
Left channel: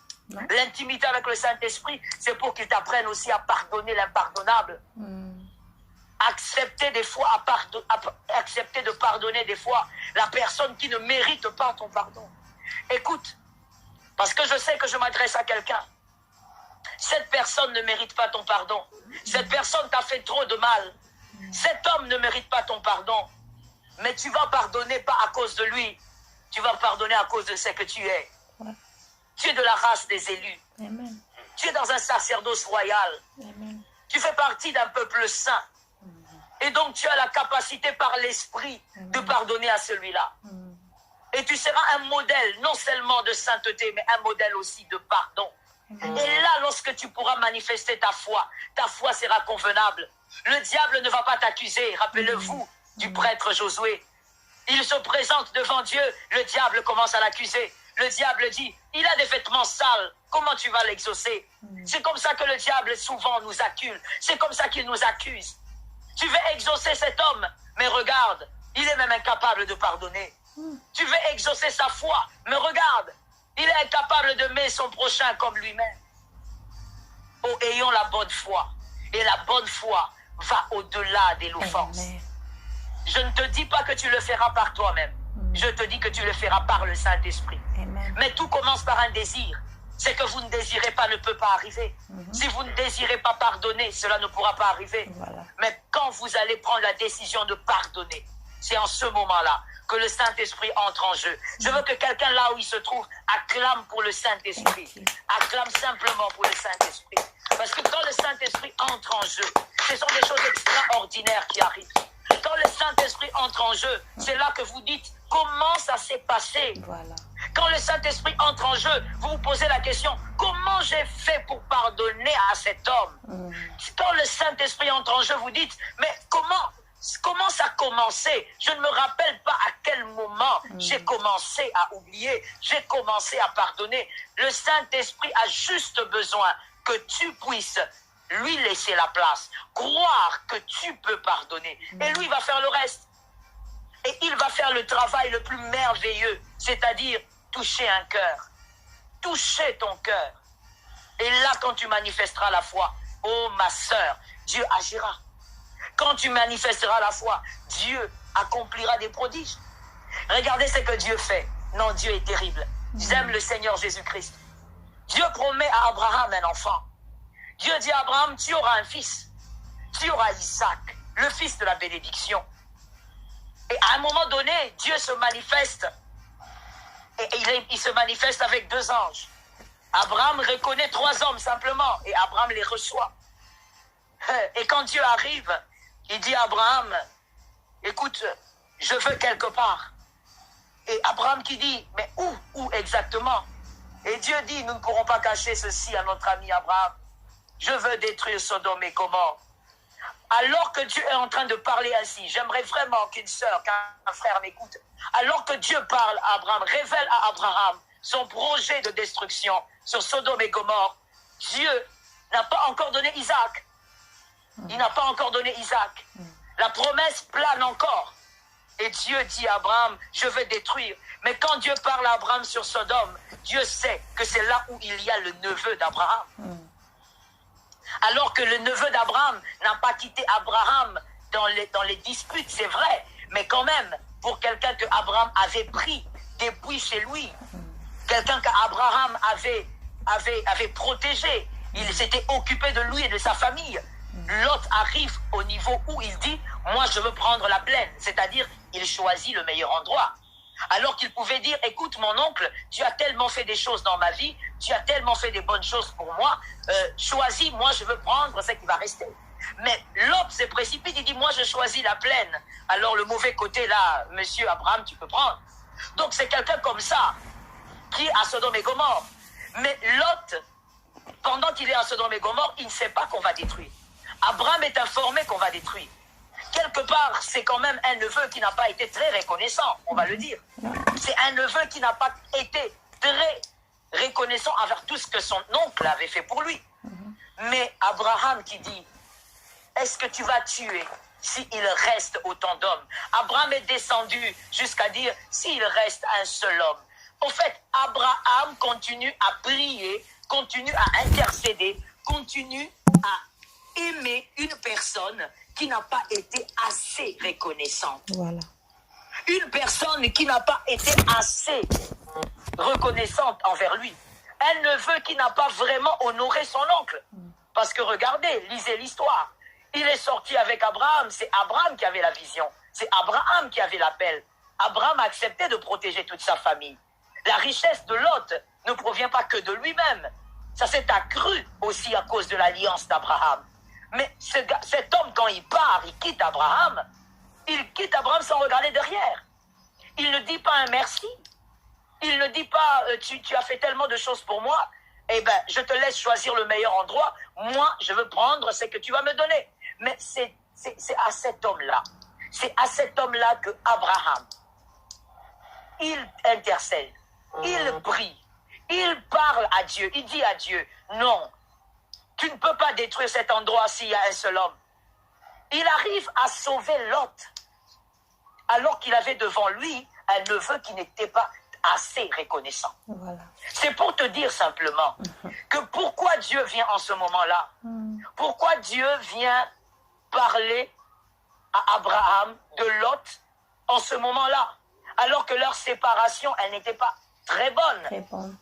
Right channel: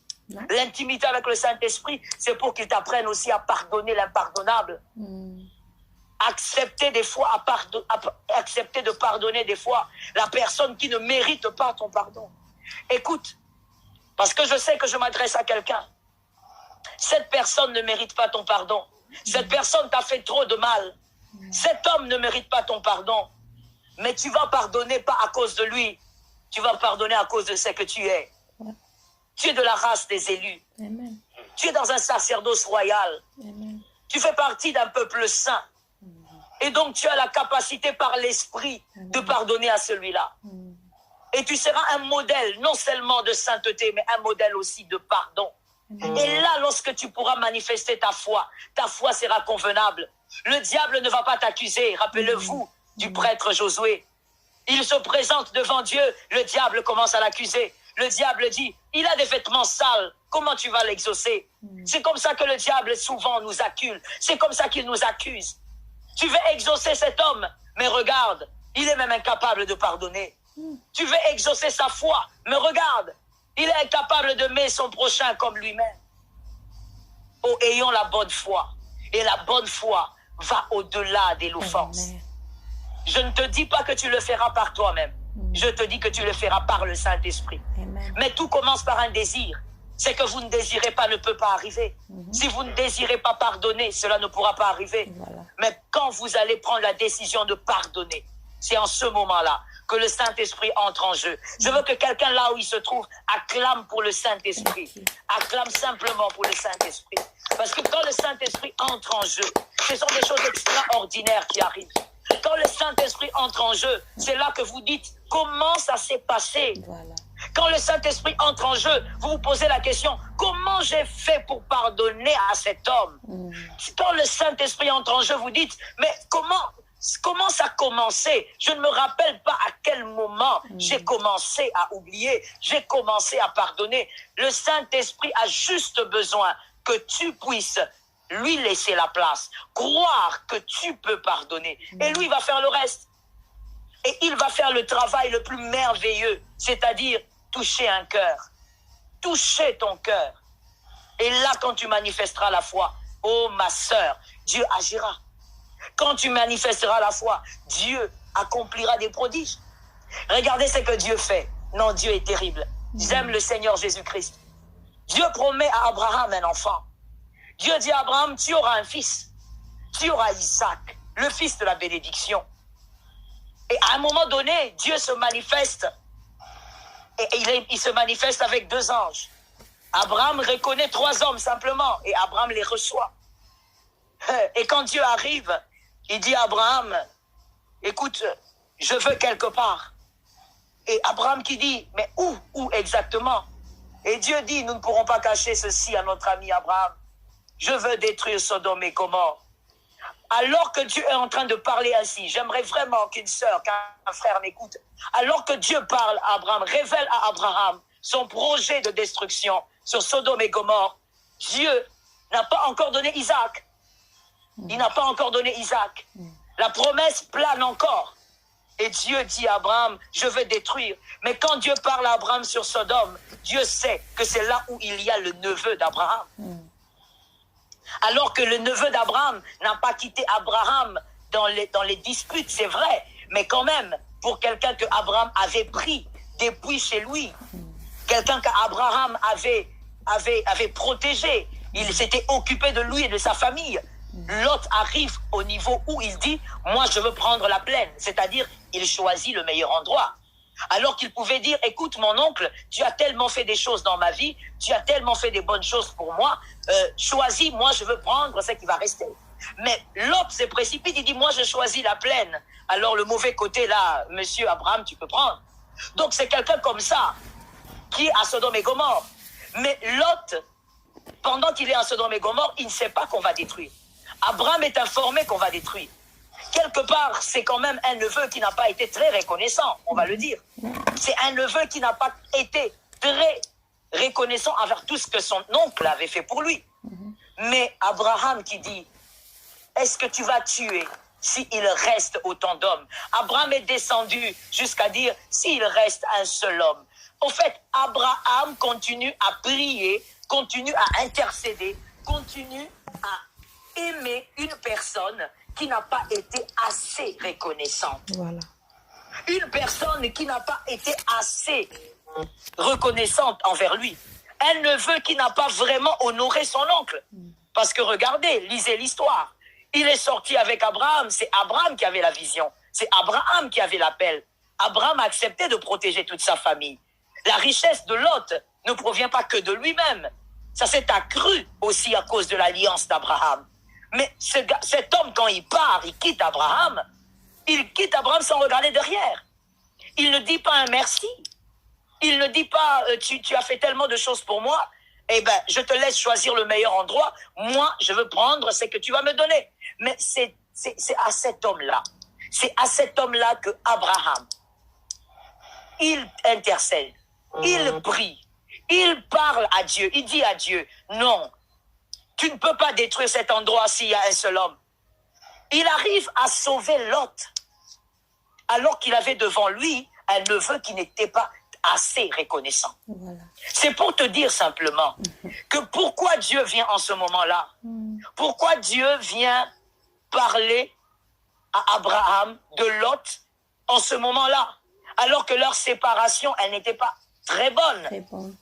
L'intimité avec le Saint-Esprit, c'est pour qu'il t'apprenne aussi à pardonner l'impardonnable. Accepter des fois, accepter de pardonner des fois la personne qui ne mérite pas ton pardon. Écoute, parce que je sais que je m'adresse à quelqu'un. Cette personne ne mérite pas ton pardon. Cette personne t'a fait trop de mal. Cet homme ne mérite pas ton pardon. Mais tu vas pardonner pas à cause de lui. Tu vas pardonner à cause de ce que tu es. Tu es de la race des élus. Amen. Tu es dans un sacerdoce royal. Amen. Tu fais partie d'un peuple saint. Et donc tu as la capacité par l'esprit de pardonner à celui-là. Et tu seras un modèle, non seulement de sainteté, mais un modèle aussi de pardon. Et là, lorsque tu pourras manifester ta foi sera convenable. Le diable ne va pas t'accuser. Rappelez-vous du prêtre Josué. Il se présente devant Dieu, le diable commence à l'accuser. Le diable dit, il a des vêtements sales, comment tu vas l'exaucer? C'est comme ça que le diable souvent nous accuse. C'est comme ça qu'il nous accuse. Tu veux exaucer cet homme, mais regarde, il est même incapable de pardonner. Tu veux exaucer sa foi, mais regarde, il est incapable d'aimer son prochain comme lui-même. Oh, ayons la bonne foi. Et la bonne foi va au-delà de l'offense. Je ne te dis pas que tu le feras par toi-même. Je te dis que tu le feras par le Saint-Esprit. Mais tout commence par un désir. Ce que vous ne désirez pas ne peut pas arriver. Si vous ne désirez pas pardonner, cela ne pourra pas arriver. Mais quand vous allez prendre la décision de pardonner, c'est en ce moment-là que le Saint-Esprit entre en jeu. Je veux que quelqu'un là où il se trouve acclame pour le Saint-Esprit. Acclame simplement pour le Saint-Esprit. Parce que quand le Saint-Esprit entre en jeu, ce sont des choses extraordinaires qui arrivent. Quand le Saint-Esprit entre en jeu, c'est là que vous dites comment ça s'est passé. Quand le Saint-Esprit entre en jeu, vous vous posez la question, comment j'ai fait pour pardonner à cet homme? Quand le Saint-Esprit entre en jeu, vous dites, mais comment Comment ça a commencé? Je ne me rappelle pas à quel moment j'ai commencé à oublier, j'ai commencé à pardonner. Le Saint-Esprit a juste besoin que tu puisses lui laisser la place, croire que tu peux pardonner. Et lui va faire le reste. Et il va faire le travail le plus merveilleux, c'est-à-dire toucher un cœur, toucher ton cœur. Et là, quand tu manifesteras la foi, oh ma sœur, Dieu agira. Quand tu manifesteras la foi, Dieu accomplira des prodiges. Regardez ce que Dieu fait. Non, Dieu est terrible. J'aime le Seigneur Jésus-Christ. Dieu promet à Abraham un enfant. Dieu dit à Abraham, tu auras un fils. Tu auras Isaac, le fils de la bénédiction. Et à un moment donné, Dieu se manifeste. Et il se manifeste avec 2 anges. Abraham reconnaît 3 hommes simplement. Et Abraham les reçoit. Et quand Dieu arrive, il dit à Abraham, écoute, je veux quelque part. Et Abraham qui dit, mais où exactement? Et Dieu dit, nous ne pourrons pas cacher ceci à notre ami Abraham. Je veux détruire Sodome et Gomorrhe. Alors que Dieu est en train de parler ainsi, j'aimerais vraiment qu'une sœur, qu'un frère m'écoute. Alors que Dieu parle à Abraham, révèle à Abraham son projet de destruction sur Sodome et Gomorrhe, Dieu n'a pas encore donné Isaac. Il n'a pas encore donné Isaac. La promesse plane encore. Et Dieu dit à Abraham, je veux détruire. Mais quand Dieu parle à Abraham sur Sodome, Dieu sait que c'est là où il y a le neveu d'Abraham. Alors que le neveu d'Abraham n'a pas quitté Abraham dans les disputes, c'est vrai. Mais quand même, pour quelqu'un que Abraham avait pris depuis chez lui, quelqu'un qu'Abraham avait protégé, il s'était occupé de lui et de sa famille. Lot arrive au niveau où il dit, moi je veux prendre la plaine, c'est-à-dire il choisit le meilleur endroit. Alors qu'il pouvait dire, écoute mon oncle, tu as tellement fait des choses dans ma vie, tu as tellement fait des bonnes choses pour moi, choisis, moi je veux prendre ce qui va rester. Mais Lot se précipite, il dit, moi je choisis la plaine. Alors le mauvais côté là, monsieur Abraham, tu peux prendre. Donc c'est quelqu'un comme ça, qui est à Sodome et Gomorrhe. Mais Lot, pendant qu'il est à Sodome et Gomorrhe, il ne sait pas qu'on va détruire. Abraham est informé qu'on va détruire. Quelque part, c'est quand même un neveu qui n'a pas été très reconnaissant, on va le dire. C'est un neveu qui n'a pas été très reconnaissant envers tout ce que son oncle avait fait pour lui. Mais Abraham qui dit, est-ce que tu vas tuer s'il reste autant d'hommes? Abraham est descendu jusqu'à dire, s'il reste un seul homme. En fait, Abraham continue à prier, continue à intercéder, continue à aimer une personne qui n'a pas été assez reconnaissante. Voilà. Une personne qui n'a pas été assez reconnaissante envers lui. Un neveu qui n'a pas vraiment honoré son oncle. Parce que regardez, lisez l'histoire. Il est sorti avec Abraham, c'est Abraham qui avait la vision. C'est Abraham qui avait l'appel. Abraham a accepté de protéger toute sa famille. La richesse de Lot ne provient pas que de lui-même. Ça s'est accru aussi à cause de l'alliance d'Abraham. Mais cet homme, quand il part, il quitte Abraham sans regarder derrière. Il ne dit pas un merci. Il ne dit pas, tu as fait tellement de choses pour moi, eh bien, je te laisse choisir le meilleur endroit. Moi, je veux prendre ce que tu vas me donner. Mais c'est à cet homme-là. C'est à cet homme-là que Abraham, il intercède, il prie, il parle à Dieu, il dit à Dieu, non, tu ne peux pas détruire cet endroit s'il y a un seul homme. Il arrive à sauver Lot, alors qu'il avait devant lui un neveu qui n'était pas assez reconnaissant. Voilà. C'est pour te dire simplement que pourquoi Dieu vient en ce moment-là, pourquoi Dieu vient parler à Abraham de Lot en ce moment-là, alors que leur séparation, elle n'était pas très bonne. Très bon.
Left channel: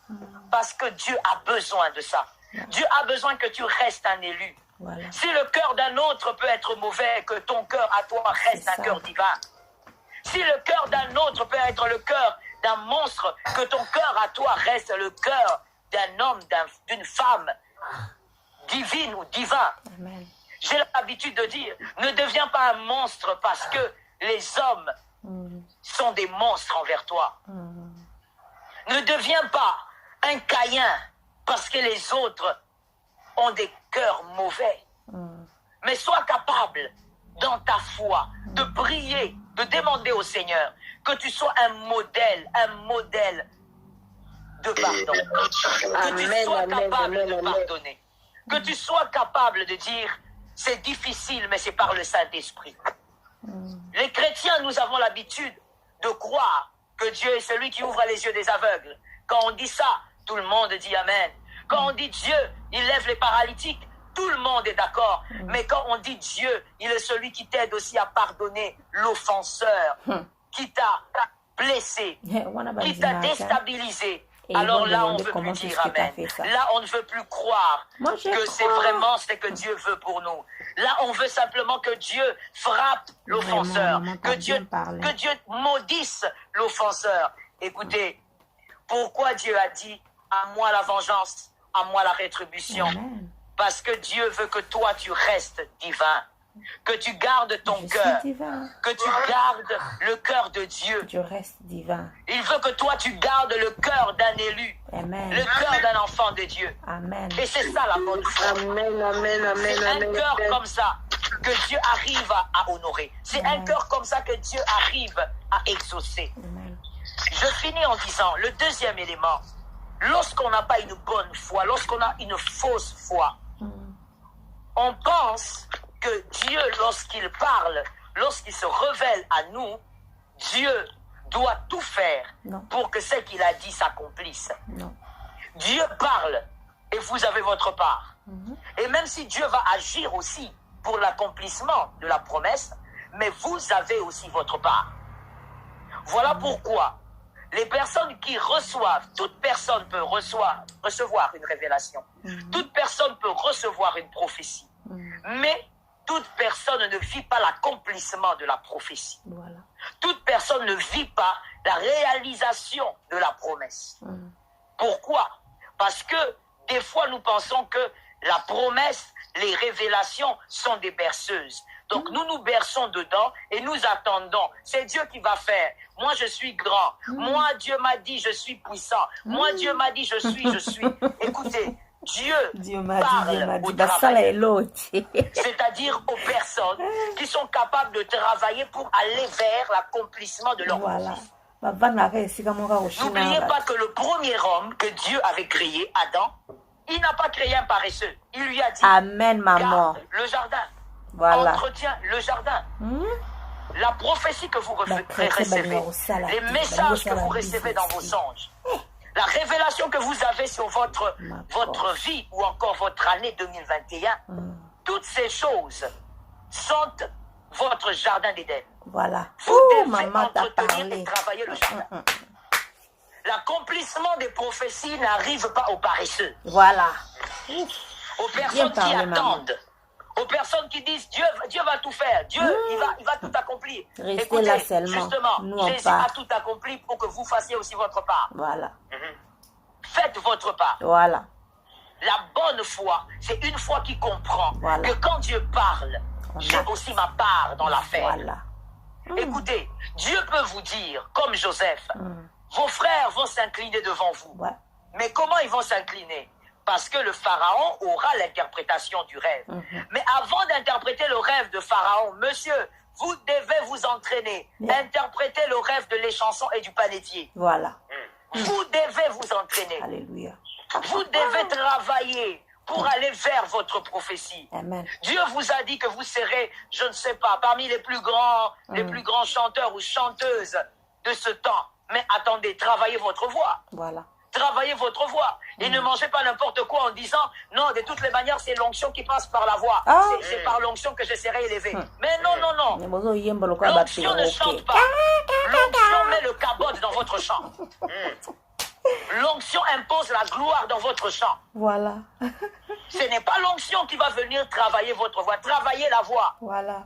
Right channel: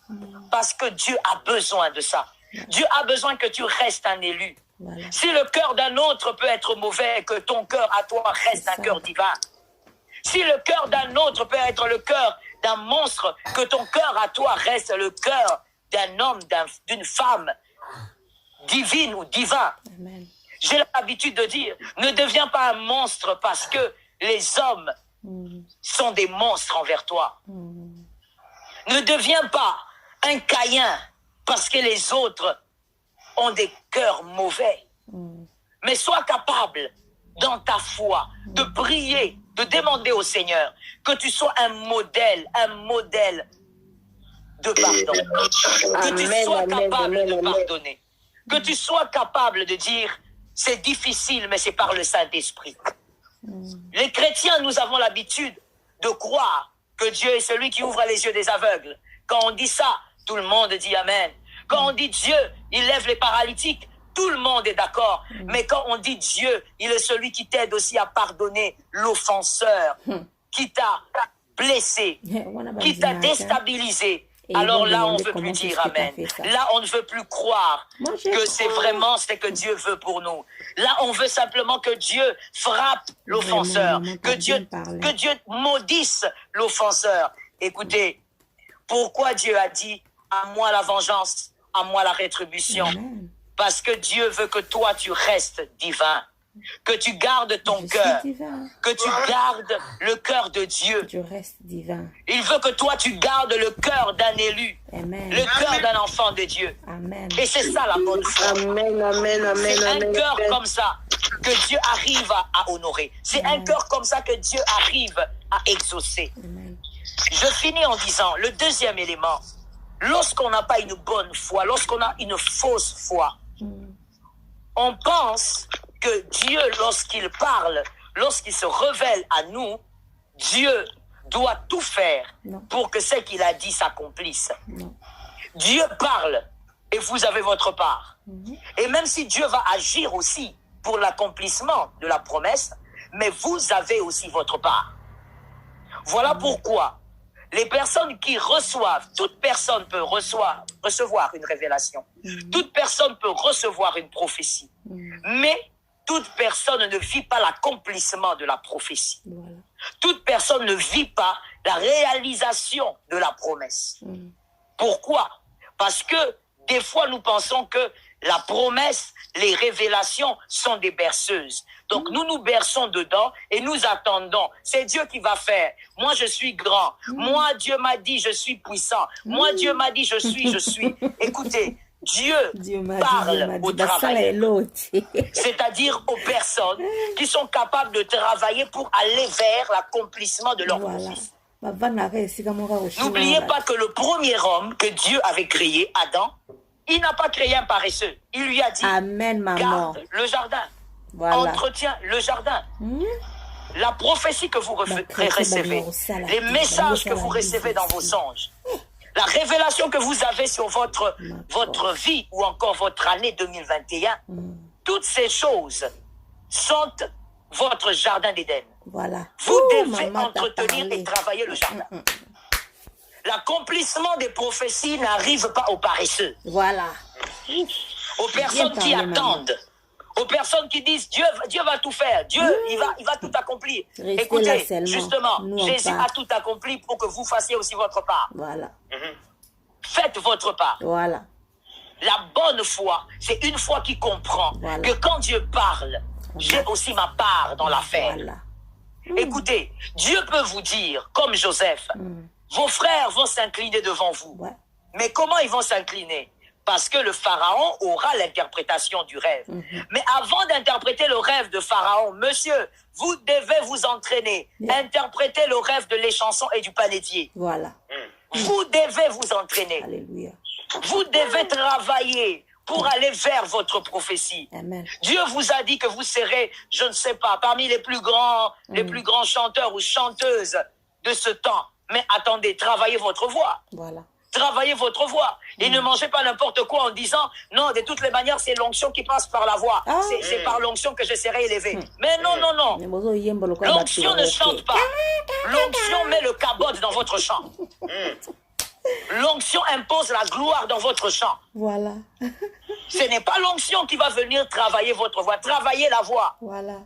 Parce que Dieu a besoin de ça. Dieu a besoin que tu restes un élu. Voilà. Si le cœur d'un autre peut être mauvais, que ton cœur à toi reste un cœur divin. Si le cœur d'un autre peut être le cœur d'un monstre, que ton cœur à toi reste le cœur d'un homme, d'une femme divine ou divin. Amen. J'ai l'habitude de dire, ne deviens pas un monstre parce que les hommes sont des monstres envers toi. Ne deviens pas un Caïn parce que les autres ont des cœurs mauvais. Mais sois capable dans ta foi, de prier, de demander au Seigneur que tu sois un modèle de pardon. Que tu sois capable de pardonner. Que tu sois capable de dire, c'est difficile, mais c'est par le Saint-Esprit. Les chrétiens, nous avons l'habitude de croire que Dieu est celui qui ouvre les yeux des aveugles. Quand on dit ça, tout le monde dit Amen. Quand on dit Dieu, il lève les paralytiques, tout le monde est d'accord. Mais quand on dit Dieu, il est celui qui t'aide aussi à pardonner l'offenseur qui t'a blessé, qui t'a déstabilisé. Alors là, on ne veut plus dire Amen. Là, on ne veut plus croire que c'est vraiment ce que Dieu veut pour nous. Là, on veut simplement que Dieu frappe l'offenseur, que Dieu maudisse l'offenseur. Écoutez, pourquoi Dieu a dit à moi la vengeance, à moi la rétribution? Parce que Dieu veut que toi, tu restes divin. Que tu gardes ton cœur, que tu gardes le cœur de Dieu. Je reste divin. Il veut que toi, tu gardes le cœur d'un élu, Amen. le cœur d'un enfant de Dieu. Amen. Et c'est ça la bonne foi. Amen, amen, amen. C'est un Amen. cœur comme ça que Dieu arrive à honorer. C'est un cœur comme ça que Dieu arrive à exaucer. Amen. Je finis en disant, le deuxième élément, lorsqu'on n'a pas une bonne foi, lorsqu'on a une fausse foi, on pense que Dieu, lorsqu'il parle, lorsqu'il se révèle à nous, Dieu doit tout faire pour que ce qu'il a dit s'accomplisse. Dieu parle et vous avez votre part. Et même si Dieu va agir aussi pour l'accomplissement de la promesse, mais vous avez aussi votre part. Voilà pourquoi les personnes qui reçoivent, toute personne peut recevoir une révélation. Toute personne peut recevoir une prophétie. Mais toute personne ne vit pas l'accomplissement de la prophétie. Voilà. Toute personne ne vit pas la réalisation de la promesse. Pourquoi? Parce que des fois, nous pensons que la promesse, les révélations sont des berceuses. Donc, nous nous berçons dedans et nous attendons. C'est Dieu qui va faire. Moi, je suis grand. Moi, Dieu m'a dit, je suis puissant. Moi, Dieu m'a dit, je suis. Écoutez, Dieu parle aux travailleurs, c'est-à-dire aux personnes qui sont capables de travailler pour aller vers l'accomplissement de leur prophétie. N'oubliez pas que le premier homme que Dieu avait créé, Adam, il n'a pas créé un paresseux. Il lui a dit, Amen, maman. garde le jardin, entretiens le jardin. La prophétie que vous recevez, les messages que vous recevez dans vos songes, la révélation que vous avez sur votre vie ou encore votre année 2021, toutes ces choses sont votre jardin d'Éden. Voilà. Vous devez entretenir et travailler le jardin. L'accomplissement des prophéties n'arrive pas aux paresseux. Voilà. Aux personnes qui attendent. Aux personnes qui disent Dieu va tout faire, Dieu il va tout accomplir. Restez là Écoutez, seulement. justement, Jésus a tout accompli pour que vous fassiez aussi votre part. Voilà. Faites votre part. Voilà. La bonne foi, c'est une foi qui comprend que quand Dieu parle, j'ai aussi ma part dans l'affaire. Voilà. Écoutez, Dieu peut vous dire, comme Joseph, vos frères vont s'incliner devant vous. Mais comment ils vont s'incliner? Parce que le Pharaon aura l'interprétation du rêve. Mais avant d'interpréter le rêve de Pharaon, monsieur, vous devez vous entraîner. Interpréter le rêve de l'échanson et du panétier. Voilà. Vous devez vous entraîner. Alléluia. Vous devez travailler pour aller vers votre prophétie. Amen. Dieu vous a dit que vous serez, je ne sais pas, parmi les plus grands chanteurs ou chanteuses de ce temps. Mais attendez, travaillez votre voix. Voilà. Travaillez votre voix. Et ne mangez pas n'importe quoi en disant, non, de toutes les manières, c'est l'onction qui passe par la voix. C'est par l'onction que je serai élevé. Mais non. L'onction ne chante pas. L'onction met le cabote dans votre chant. L'onction impose la gloire dans votre chant. Voilà. Ce n'est pas l'onction qui va venir travailler votre voix. Travaillez la voix. Voilà.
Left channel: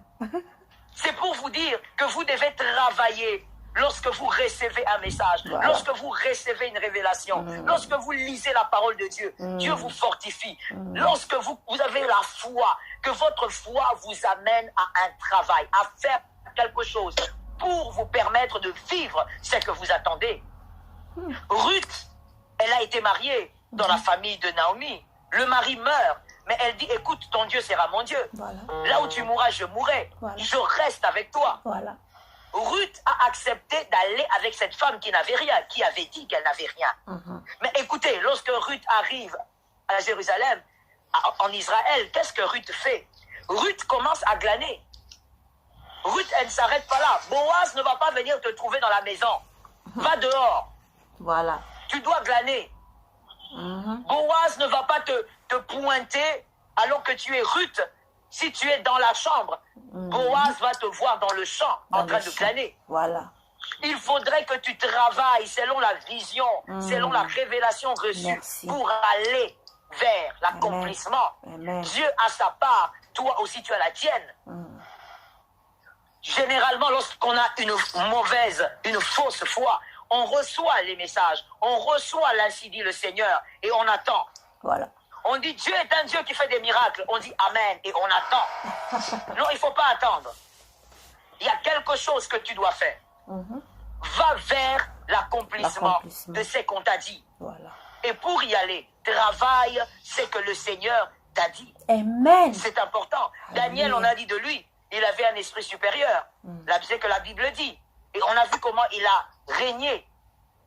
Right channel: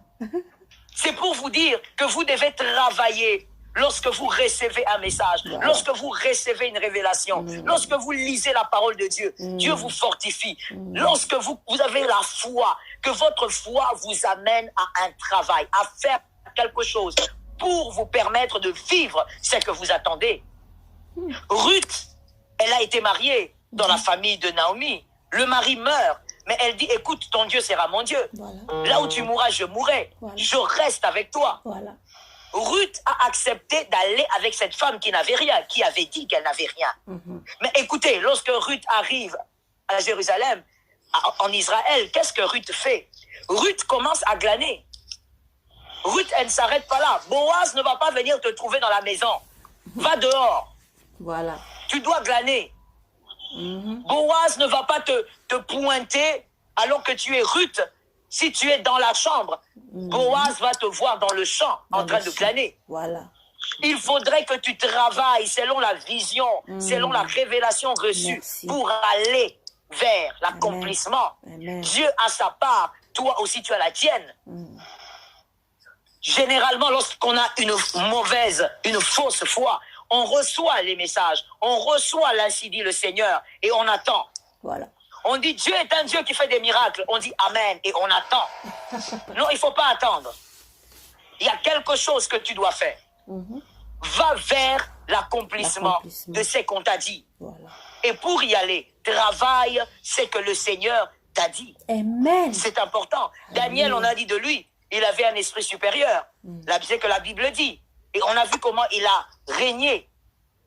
C'est pour vous dire que vous devez travailler. Lorsque vous recevez un message, lorsque vous recevez une révélation, lorsque vous lisez la parole de Dieu, Dieu vous fortifie. Lorsque vous avez la foi, que votre foi vous amène à un travail, à faire quelque chose pour vous permettre de vivre ce que vous attendez. Ruth, elle a été mariée dans la famille de Naomi. Le mari meurt, Mais elle dit, écoute, ton Dieu sera mon Dieu. Voilà. Là où tu mourras, je mourrai. Voilà. Je reste avec toi. Voilà. Ruth a accepté d'aller avec cette femme qui n'avait rien, qui avait dit qu'elle n'avait rien. Mais écoutez, lorsque Ruth arrive à Jérusalem, en Israël, qu'est-ce que Ruth fait? Ruth commence à glaner. Ruth, elle ne s'arrête pas là. Boaz ne va pas venir te trouver dans la maison. Va dehors. Voilà. Tu dois glaner. Boaz ne va pas te pointer alors que tu es Ruth. Si tu es dans la chambre, Boaz va te voir dans le champ en train de glaner. Voilà. Il faudrait que tu travailles selon la vision, selon la révélation reçue. Merci. Pour aller vers l'accomplissement. Dieu a sa part, toi aussi tu as la tienne. Généralement, lorsqu'on a une fausse foi, on reçoit les messages, on reçoit l'ainsi dit le Seigneur et on attend. Voilà. On dit Dieu est un Dieu qui fait des miracles. On dit Amen et on attend. Non, il ne faut pas attendre. Il y a quelque chose que tu dois faire. Va vers l'accomplissement de ce qu'on t'a dit. Voilà. Et pour y aller, travaille ce que le Seigneur t'a dit. Amen. C'est important. Daniel, on a dit de lui, il avait un esprit supérieur. C'est que la Bible dit. Et on a vu comment il a régné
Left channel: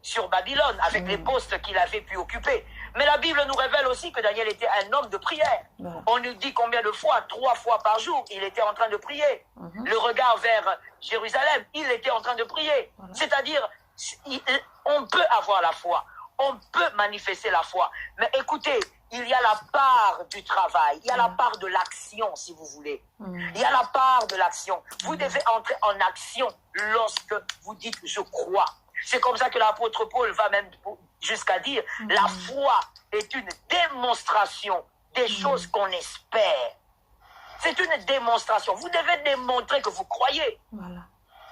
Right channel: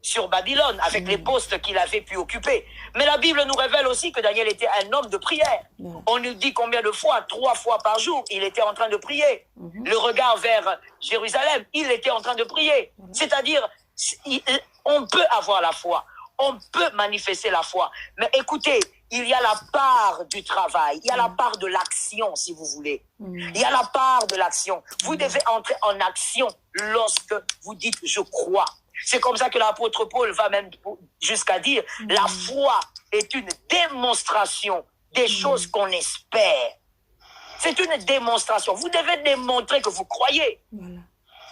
sur Babylone avec les postes qu'il avait pu occuper. Mais la Bible nous révèle aussi que Daniel était un homme de prière. On nous dit combien de fois? 3 fois par jour, il était en train de prier. Le regard vers Jérusalem, il était en train de prier. C'est-à-dire, on peut avoir la foi. On peut manifester la foi. Mais écoutez, il y a la part du travail. Il y a la part de l'action, si vous voulez. Il y a la part de l'action. Vous devez entrer en action lorsque vous dites « je crois ». C'est comme ça que l'apôtre Paul va même jusqu'à dire la foi est une démonstration des choses qu'on espère. C'est une démonstration. Vous devez démontrer que vous croyez. Voilà.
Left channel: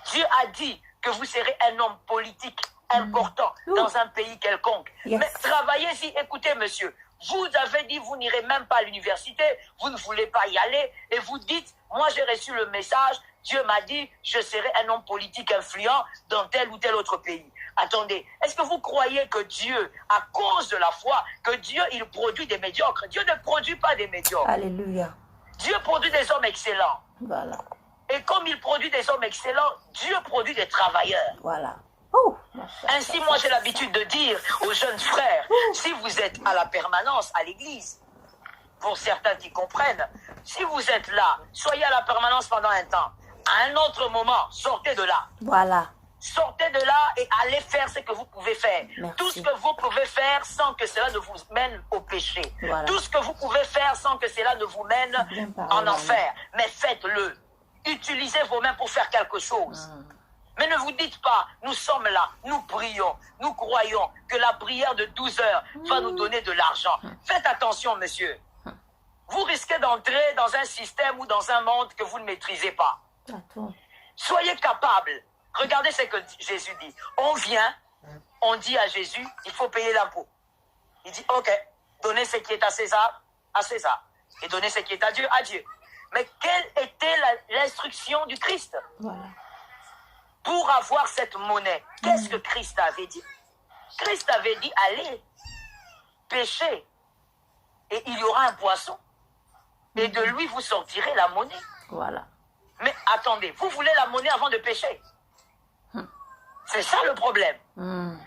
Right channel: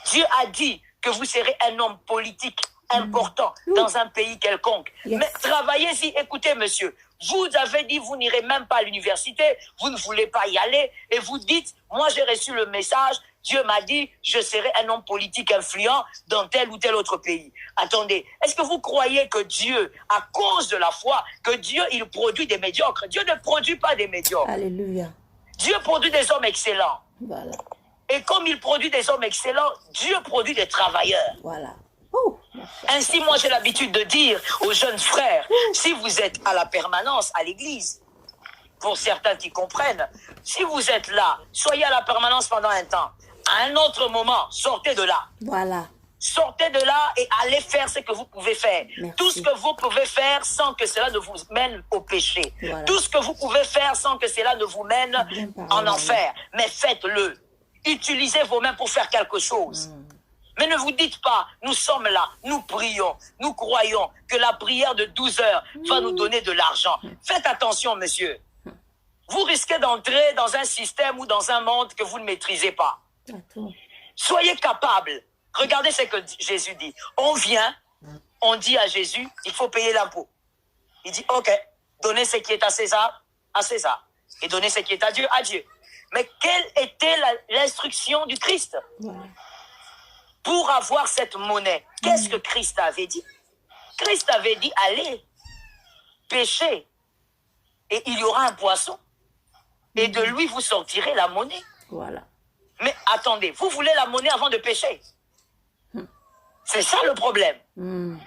Dieu a dit que vous serez un homme politique important dans un pays quelconque. Mais travaillez-y. Écoutez, monsieur, vous avez dit vous n'irez même pas à l'université, vous ne voulez pas y aller, et vous dites, moi j'ai reçu le message, Dieu m'a dit, je serai un homme politique influent dans tel ou tel autre pays. Attendez, est-ce que vous croyez que Dieu, à cause de la foi, que Dieu, il produit des médiocres? Dieu ne produit pas des médiocres. Alléluia. Dieu produit des hommes excellents. Voilà. Et comme il produit des hommes excellents, Dieu produit des travailleurs. Voilà. Ainsi, moi, j'ai l'habitude de dire aux jeunes frères, si vous êtes à la permanence à l'église, pour certains qui comprennent, si vous êtes là, soyez à la permanence pendant un temps. À un autre moment, sortez de là. Voilà. Sortez de là et allez faire ce que vous pouvez faire. Merci. Tout ce que vous pouvez faire sans que cela ne vous mène au péché. Voilà. Tout ce que vous pouvez faire sans que cela ne vous mène en enfer. Mais faites-le. Utilisez vos mains pour faire quelque chose. Mais ne vous dites pas, nous sommes là, nous prions, nous croyons que la prière de 12 heures va nous donner de l'argent. Faites attention, monsieur. Vous risquez d'entrer dans un système ou dans un monde que vous ne maîtrisez pas. Soyez capable. Regardez ce que Jésus dit. On vient, on dit à Jésus, il faut payer l'impôt. Il dit, ok, donnez ce qui est à César, et donnez ce qui est à Dieu. Mais quelle était l'instruction du Christ? Voilà. Pour avoir cette monnaie, qu'est-ce que Christ avait dit? Christ avait dit, allez, pêchez, et il y aura un poisson, et de lui vous sortirez la monnaie. Voilà. Mais attendez, vous voulez la monnaie avant de pêcher? C'est ça le problème.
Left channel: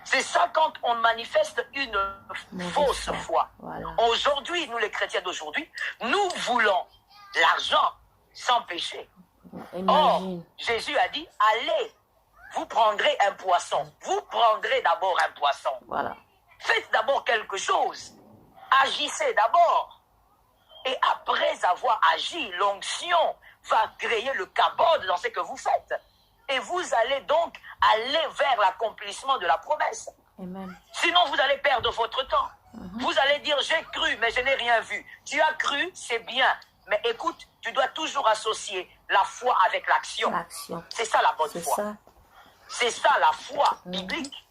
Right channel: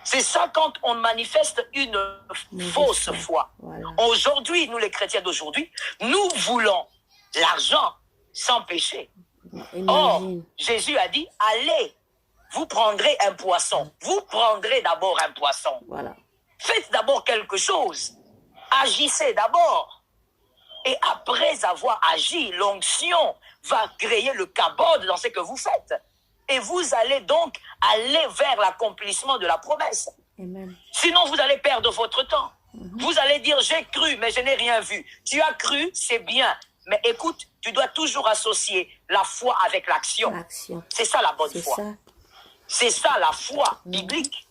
C'est ça quand on manifeste une fausse foi. Voilà. Aujourd'hui, nous les chrétiens d'aujourd'hui, nous voulons l'argent sans péché. Or, Jésus a dit, allez, vous prendrez un poisson. Vous prendrez d'abord un poisson. Voilà. Faites d'abord quelque chose. Agissez d'abord. Et après avoir agi, l'onction va créer le kabod dans ce que vous faites. Et vous allez donc aller vers l'accomplissement de la promesse. Amen. Sinon, vous allez perdre votre temps. Vous allez dire, j'ai cru, mais je n'ai rien vu. Tu as cru, c'est bien. Mais écoute, tu dois toujours associer la foi avec l'action. C'est ça la bonne foi. C'est ça la foi biblique.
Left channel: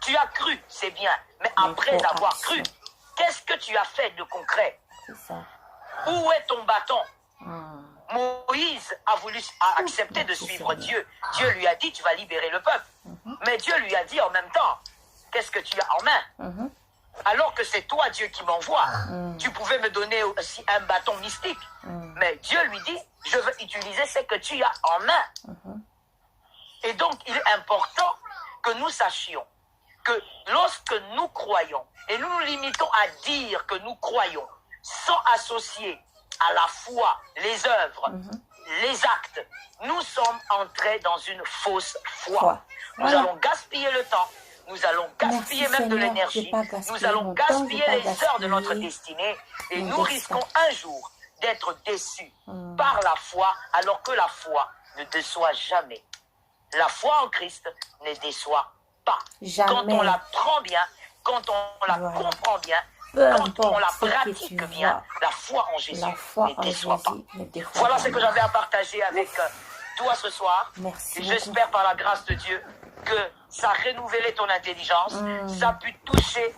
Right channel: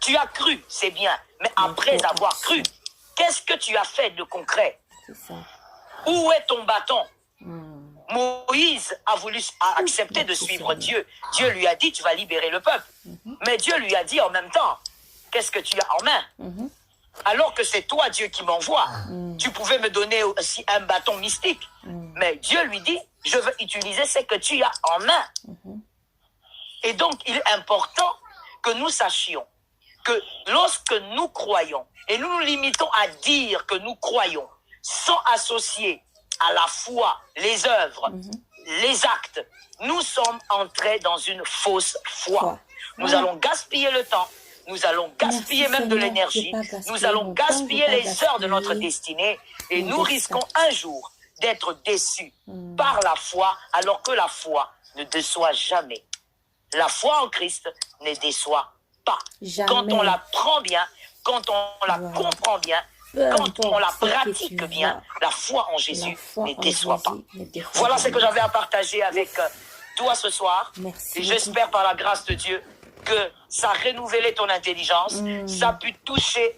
Tu as cru, c'est bien. Mais après avoir cru, qu'est-ce que tu as fait de concret? Où est ton bâton? Moïse a voulu accepter de suivre Dieu. Dieu lui a dit, tu vas libérer le peuple. Mais Dieu lui a dit en même temps, qu'est-ce que tu as en main? alors que c'est toi, Dieu, qui m'envoie. Tu pouvais me donner aussi un bâton mystique. Mais Dieu lui dit, je veux utiliser ce que tu as en main. Et donc, il est important que nous sachions que lorsque nous croyons, et nous nous limitons à dire que nous croyons, sans associer à la foi les œuvres, les actes, nous sommes entrés dans une fausse foi. Nous allons gaspiller le temps, nous allons gaspiller même de l'énergie, nous allons gaspiller les heures de notre destinée, et nous risquons un jour d'être déçus par la foi, alors que la foi ne déçoit jamais. La foi en Christ ne déçoit pas. Jamais. Quand on la prend bien, quand on la comprend bien, quand on la pratique bien, la foi en Jésus ne déçoit pas. Voilà ce que j'avais à partager avec toi ce soir. Merci et j'espère par la grâce de Dieu que ça a renouvelé ton intelligence, ça a pu toucher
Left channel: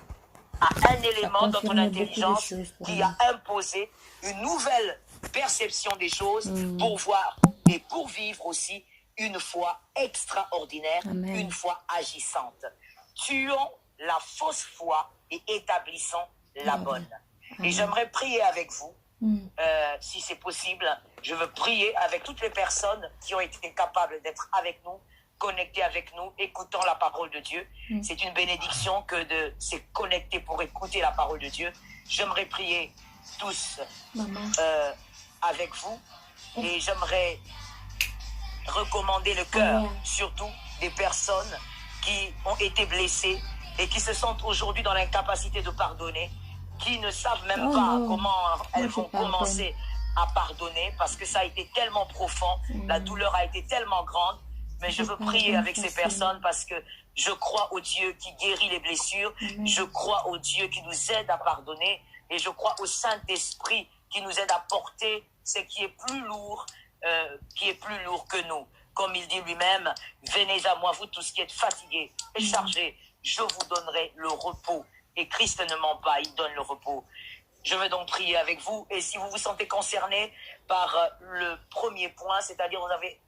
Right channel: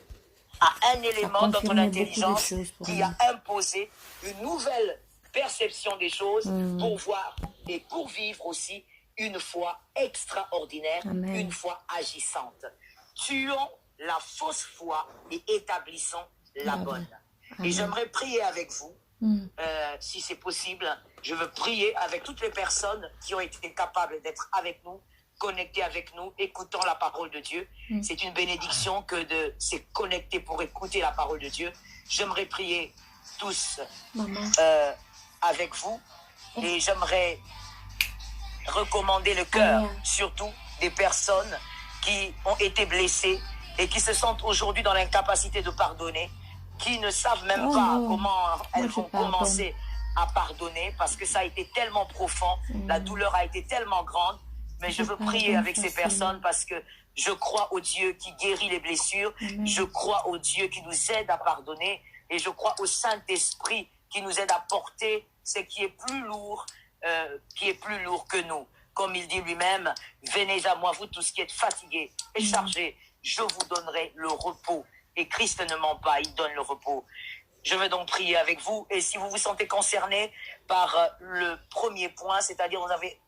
à un élément dans ton intelligence qui a imposé une nouvelle perception des choses pour voir et pour vivre aussi une foi extraordinaire, une foi agissante. Tuons la fausse foi et établissons la bonne. Et j'aimerais prier avec vous, si c'est possible. Je veux prier avec toutes les personnes qui ont été capables d'être avec nous, connectées avec nous, écoutant la parole de Dieu. C'est une bénédiction que de se connecter pour écouter la parole de Dieu. J'aimerais prier tous avec vous et j'aimerais recommander le cœur, surtout des personnes qui ont été blessées et qui se sentent aujourd'hui dans l'incapacité de pardonner, qui ne savent même pas comment elles vont commencer à pardonner parce que ça a été tellement profond, la douleur a été tellement grande. Mais je veux prier avec ces personnes parce que je crois au Dieu qui guérit les blessures, je crois au Dieu qui nous aide à pardonner et je crois au Saint-Esprit qui nous aide à porter ce qui est plus lourd, que nous. Comme il dit lui-même, venez à moi, vous tous qui êtes fatigués et chargés, je vous donnerai le repos. Et Christ ne ment pas, il donne le repos. Je veux donc prier avec vous. Et si vous vous sentez concerné par le premier point, c'est-à-dire vous avez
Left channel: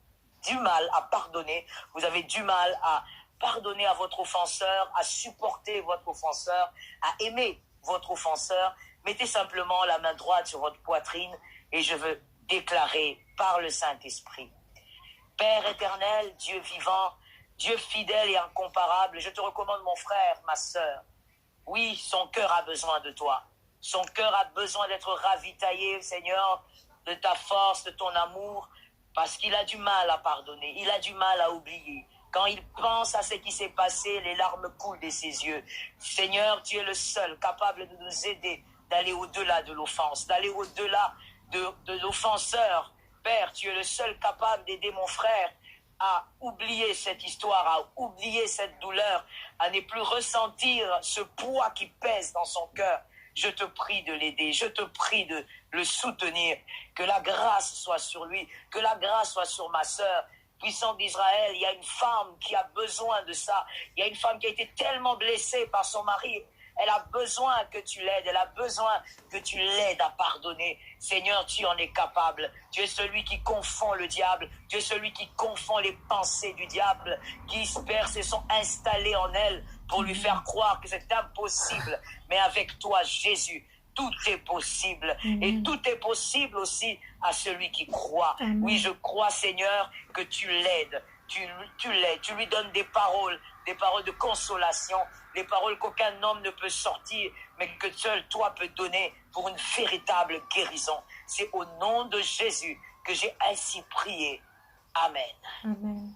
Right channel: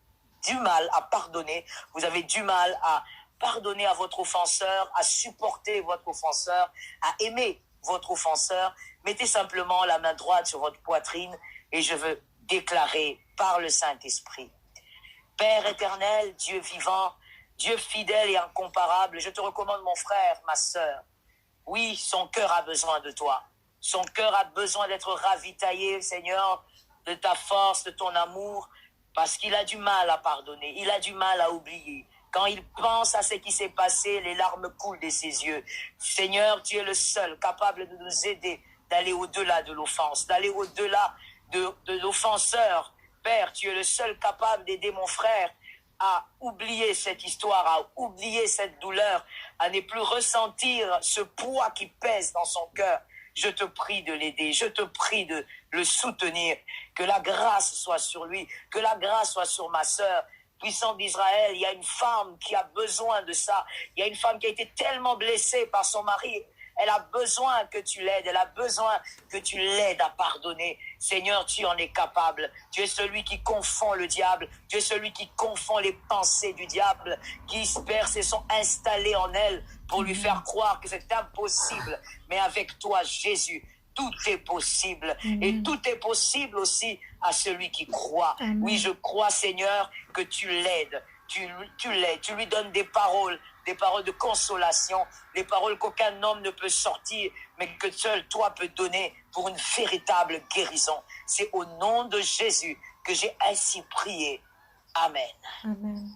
du mal à pardonner, vous avez du mal à pardonner à votre offenseur, à supporter votre offenseur, à aimer votre offenseur, mettez simplement la main droite sur votre poitrine et je veux déclarer par le Saint-Esprit. Père éternel, Dieu vivant, Dieu fidèle et incomparable, je te recommande mon frère, ma sœur. Oui, son cœur a besoin de toi. Son cœur a besoin d'être ravitaillé, Seigneur, de ta force, de ton amour, parce qu'il a du mal à pardonner, il a du mal à oublier. Quand il pense à ce qui s'est passé, les larmes coulent de ses yeux. Seigneur, tu es le seul capable de nous aider d'aller au-delà de l'offense, d'aller au-delà de l'offenseur. Père, tu es le seul capable d'aider mon frère à oublier cette histoire, à oublier cette douleur, à ne plus ressentir ce poids qui pèse dans son cœur. Je te prie de l'aider, je te prie de le soutenir, que la grâce soit sur lui, que la grâce soit sur ma sœur. Puissant d'Israël, il y a une femme qui a besoin de ça. Il y a une femme qui a été tellement blessée par son mari. Elle a besoin que tu l'aides, elle a besoin que tu l'aides à pardonner. Seigneur, tu en es capable. Tu es celui qui confond le diable. Tu es celui qui confond les pensées du diable, qui Père, se sont installées en elle pour lui faire croire que c'est impossible. Mais avec toi, Jésus, tout est possible. Et tout est possible aussi à celui qui croit. Oui, je crois, Seigneur, que tu l'aides. Tu l'aides, tu lui donnes des paroles de consolation, des paroles qu'aucun homme ne peut sortir, mais que seul toi peux donner pour une véritable guérison. C'est au nom de Jésus que j'ai ainsi prié. Amen. Amen.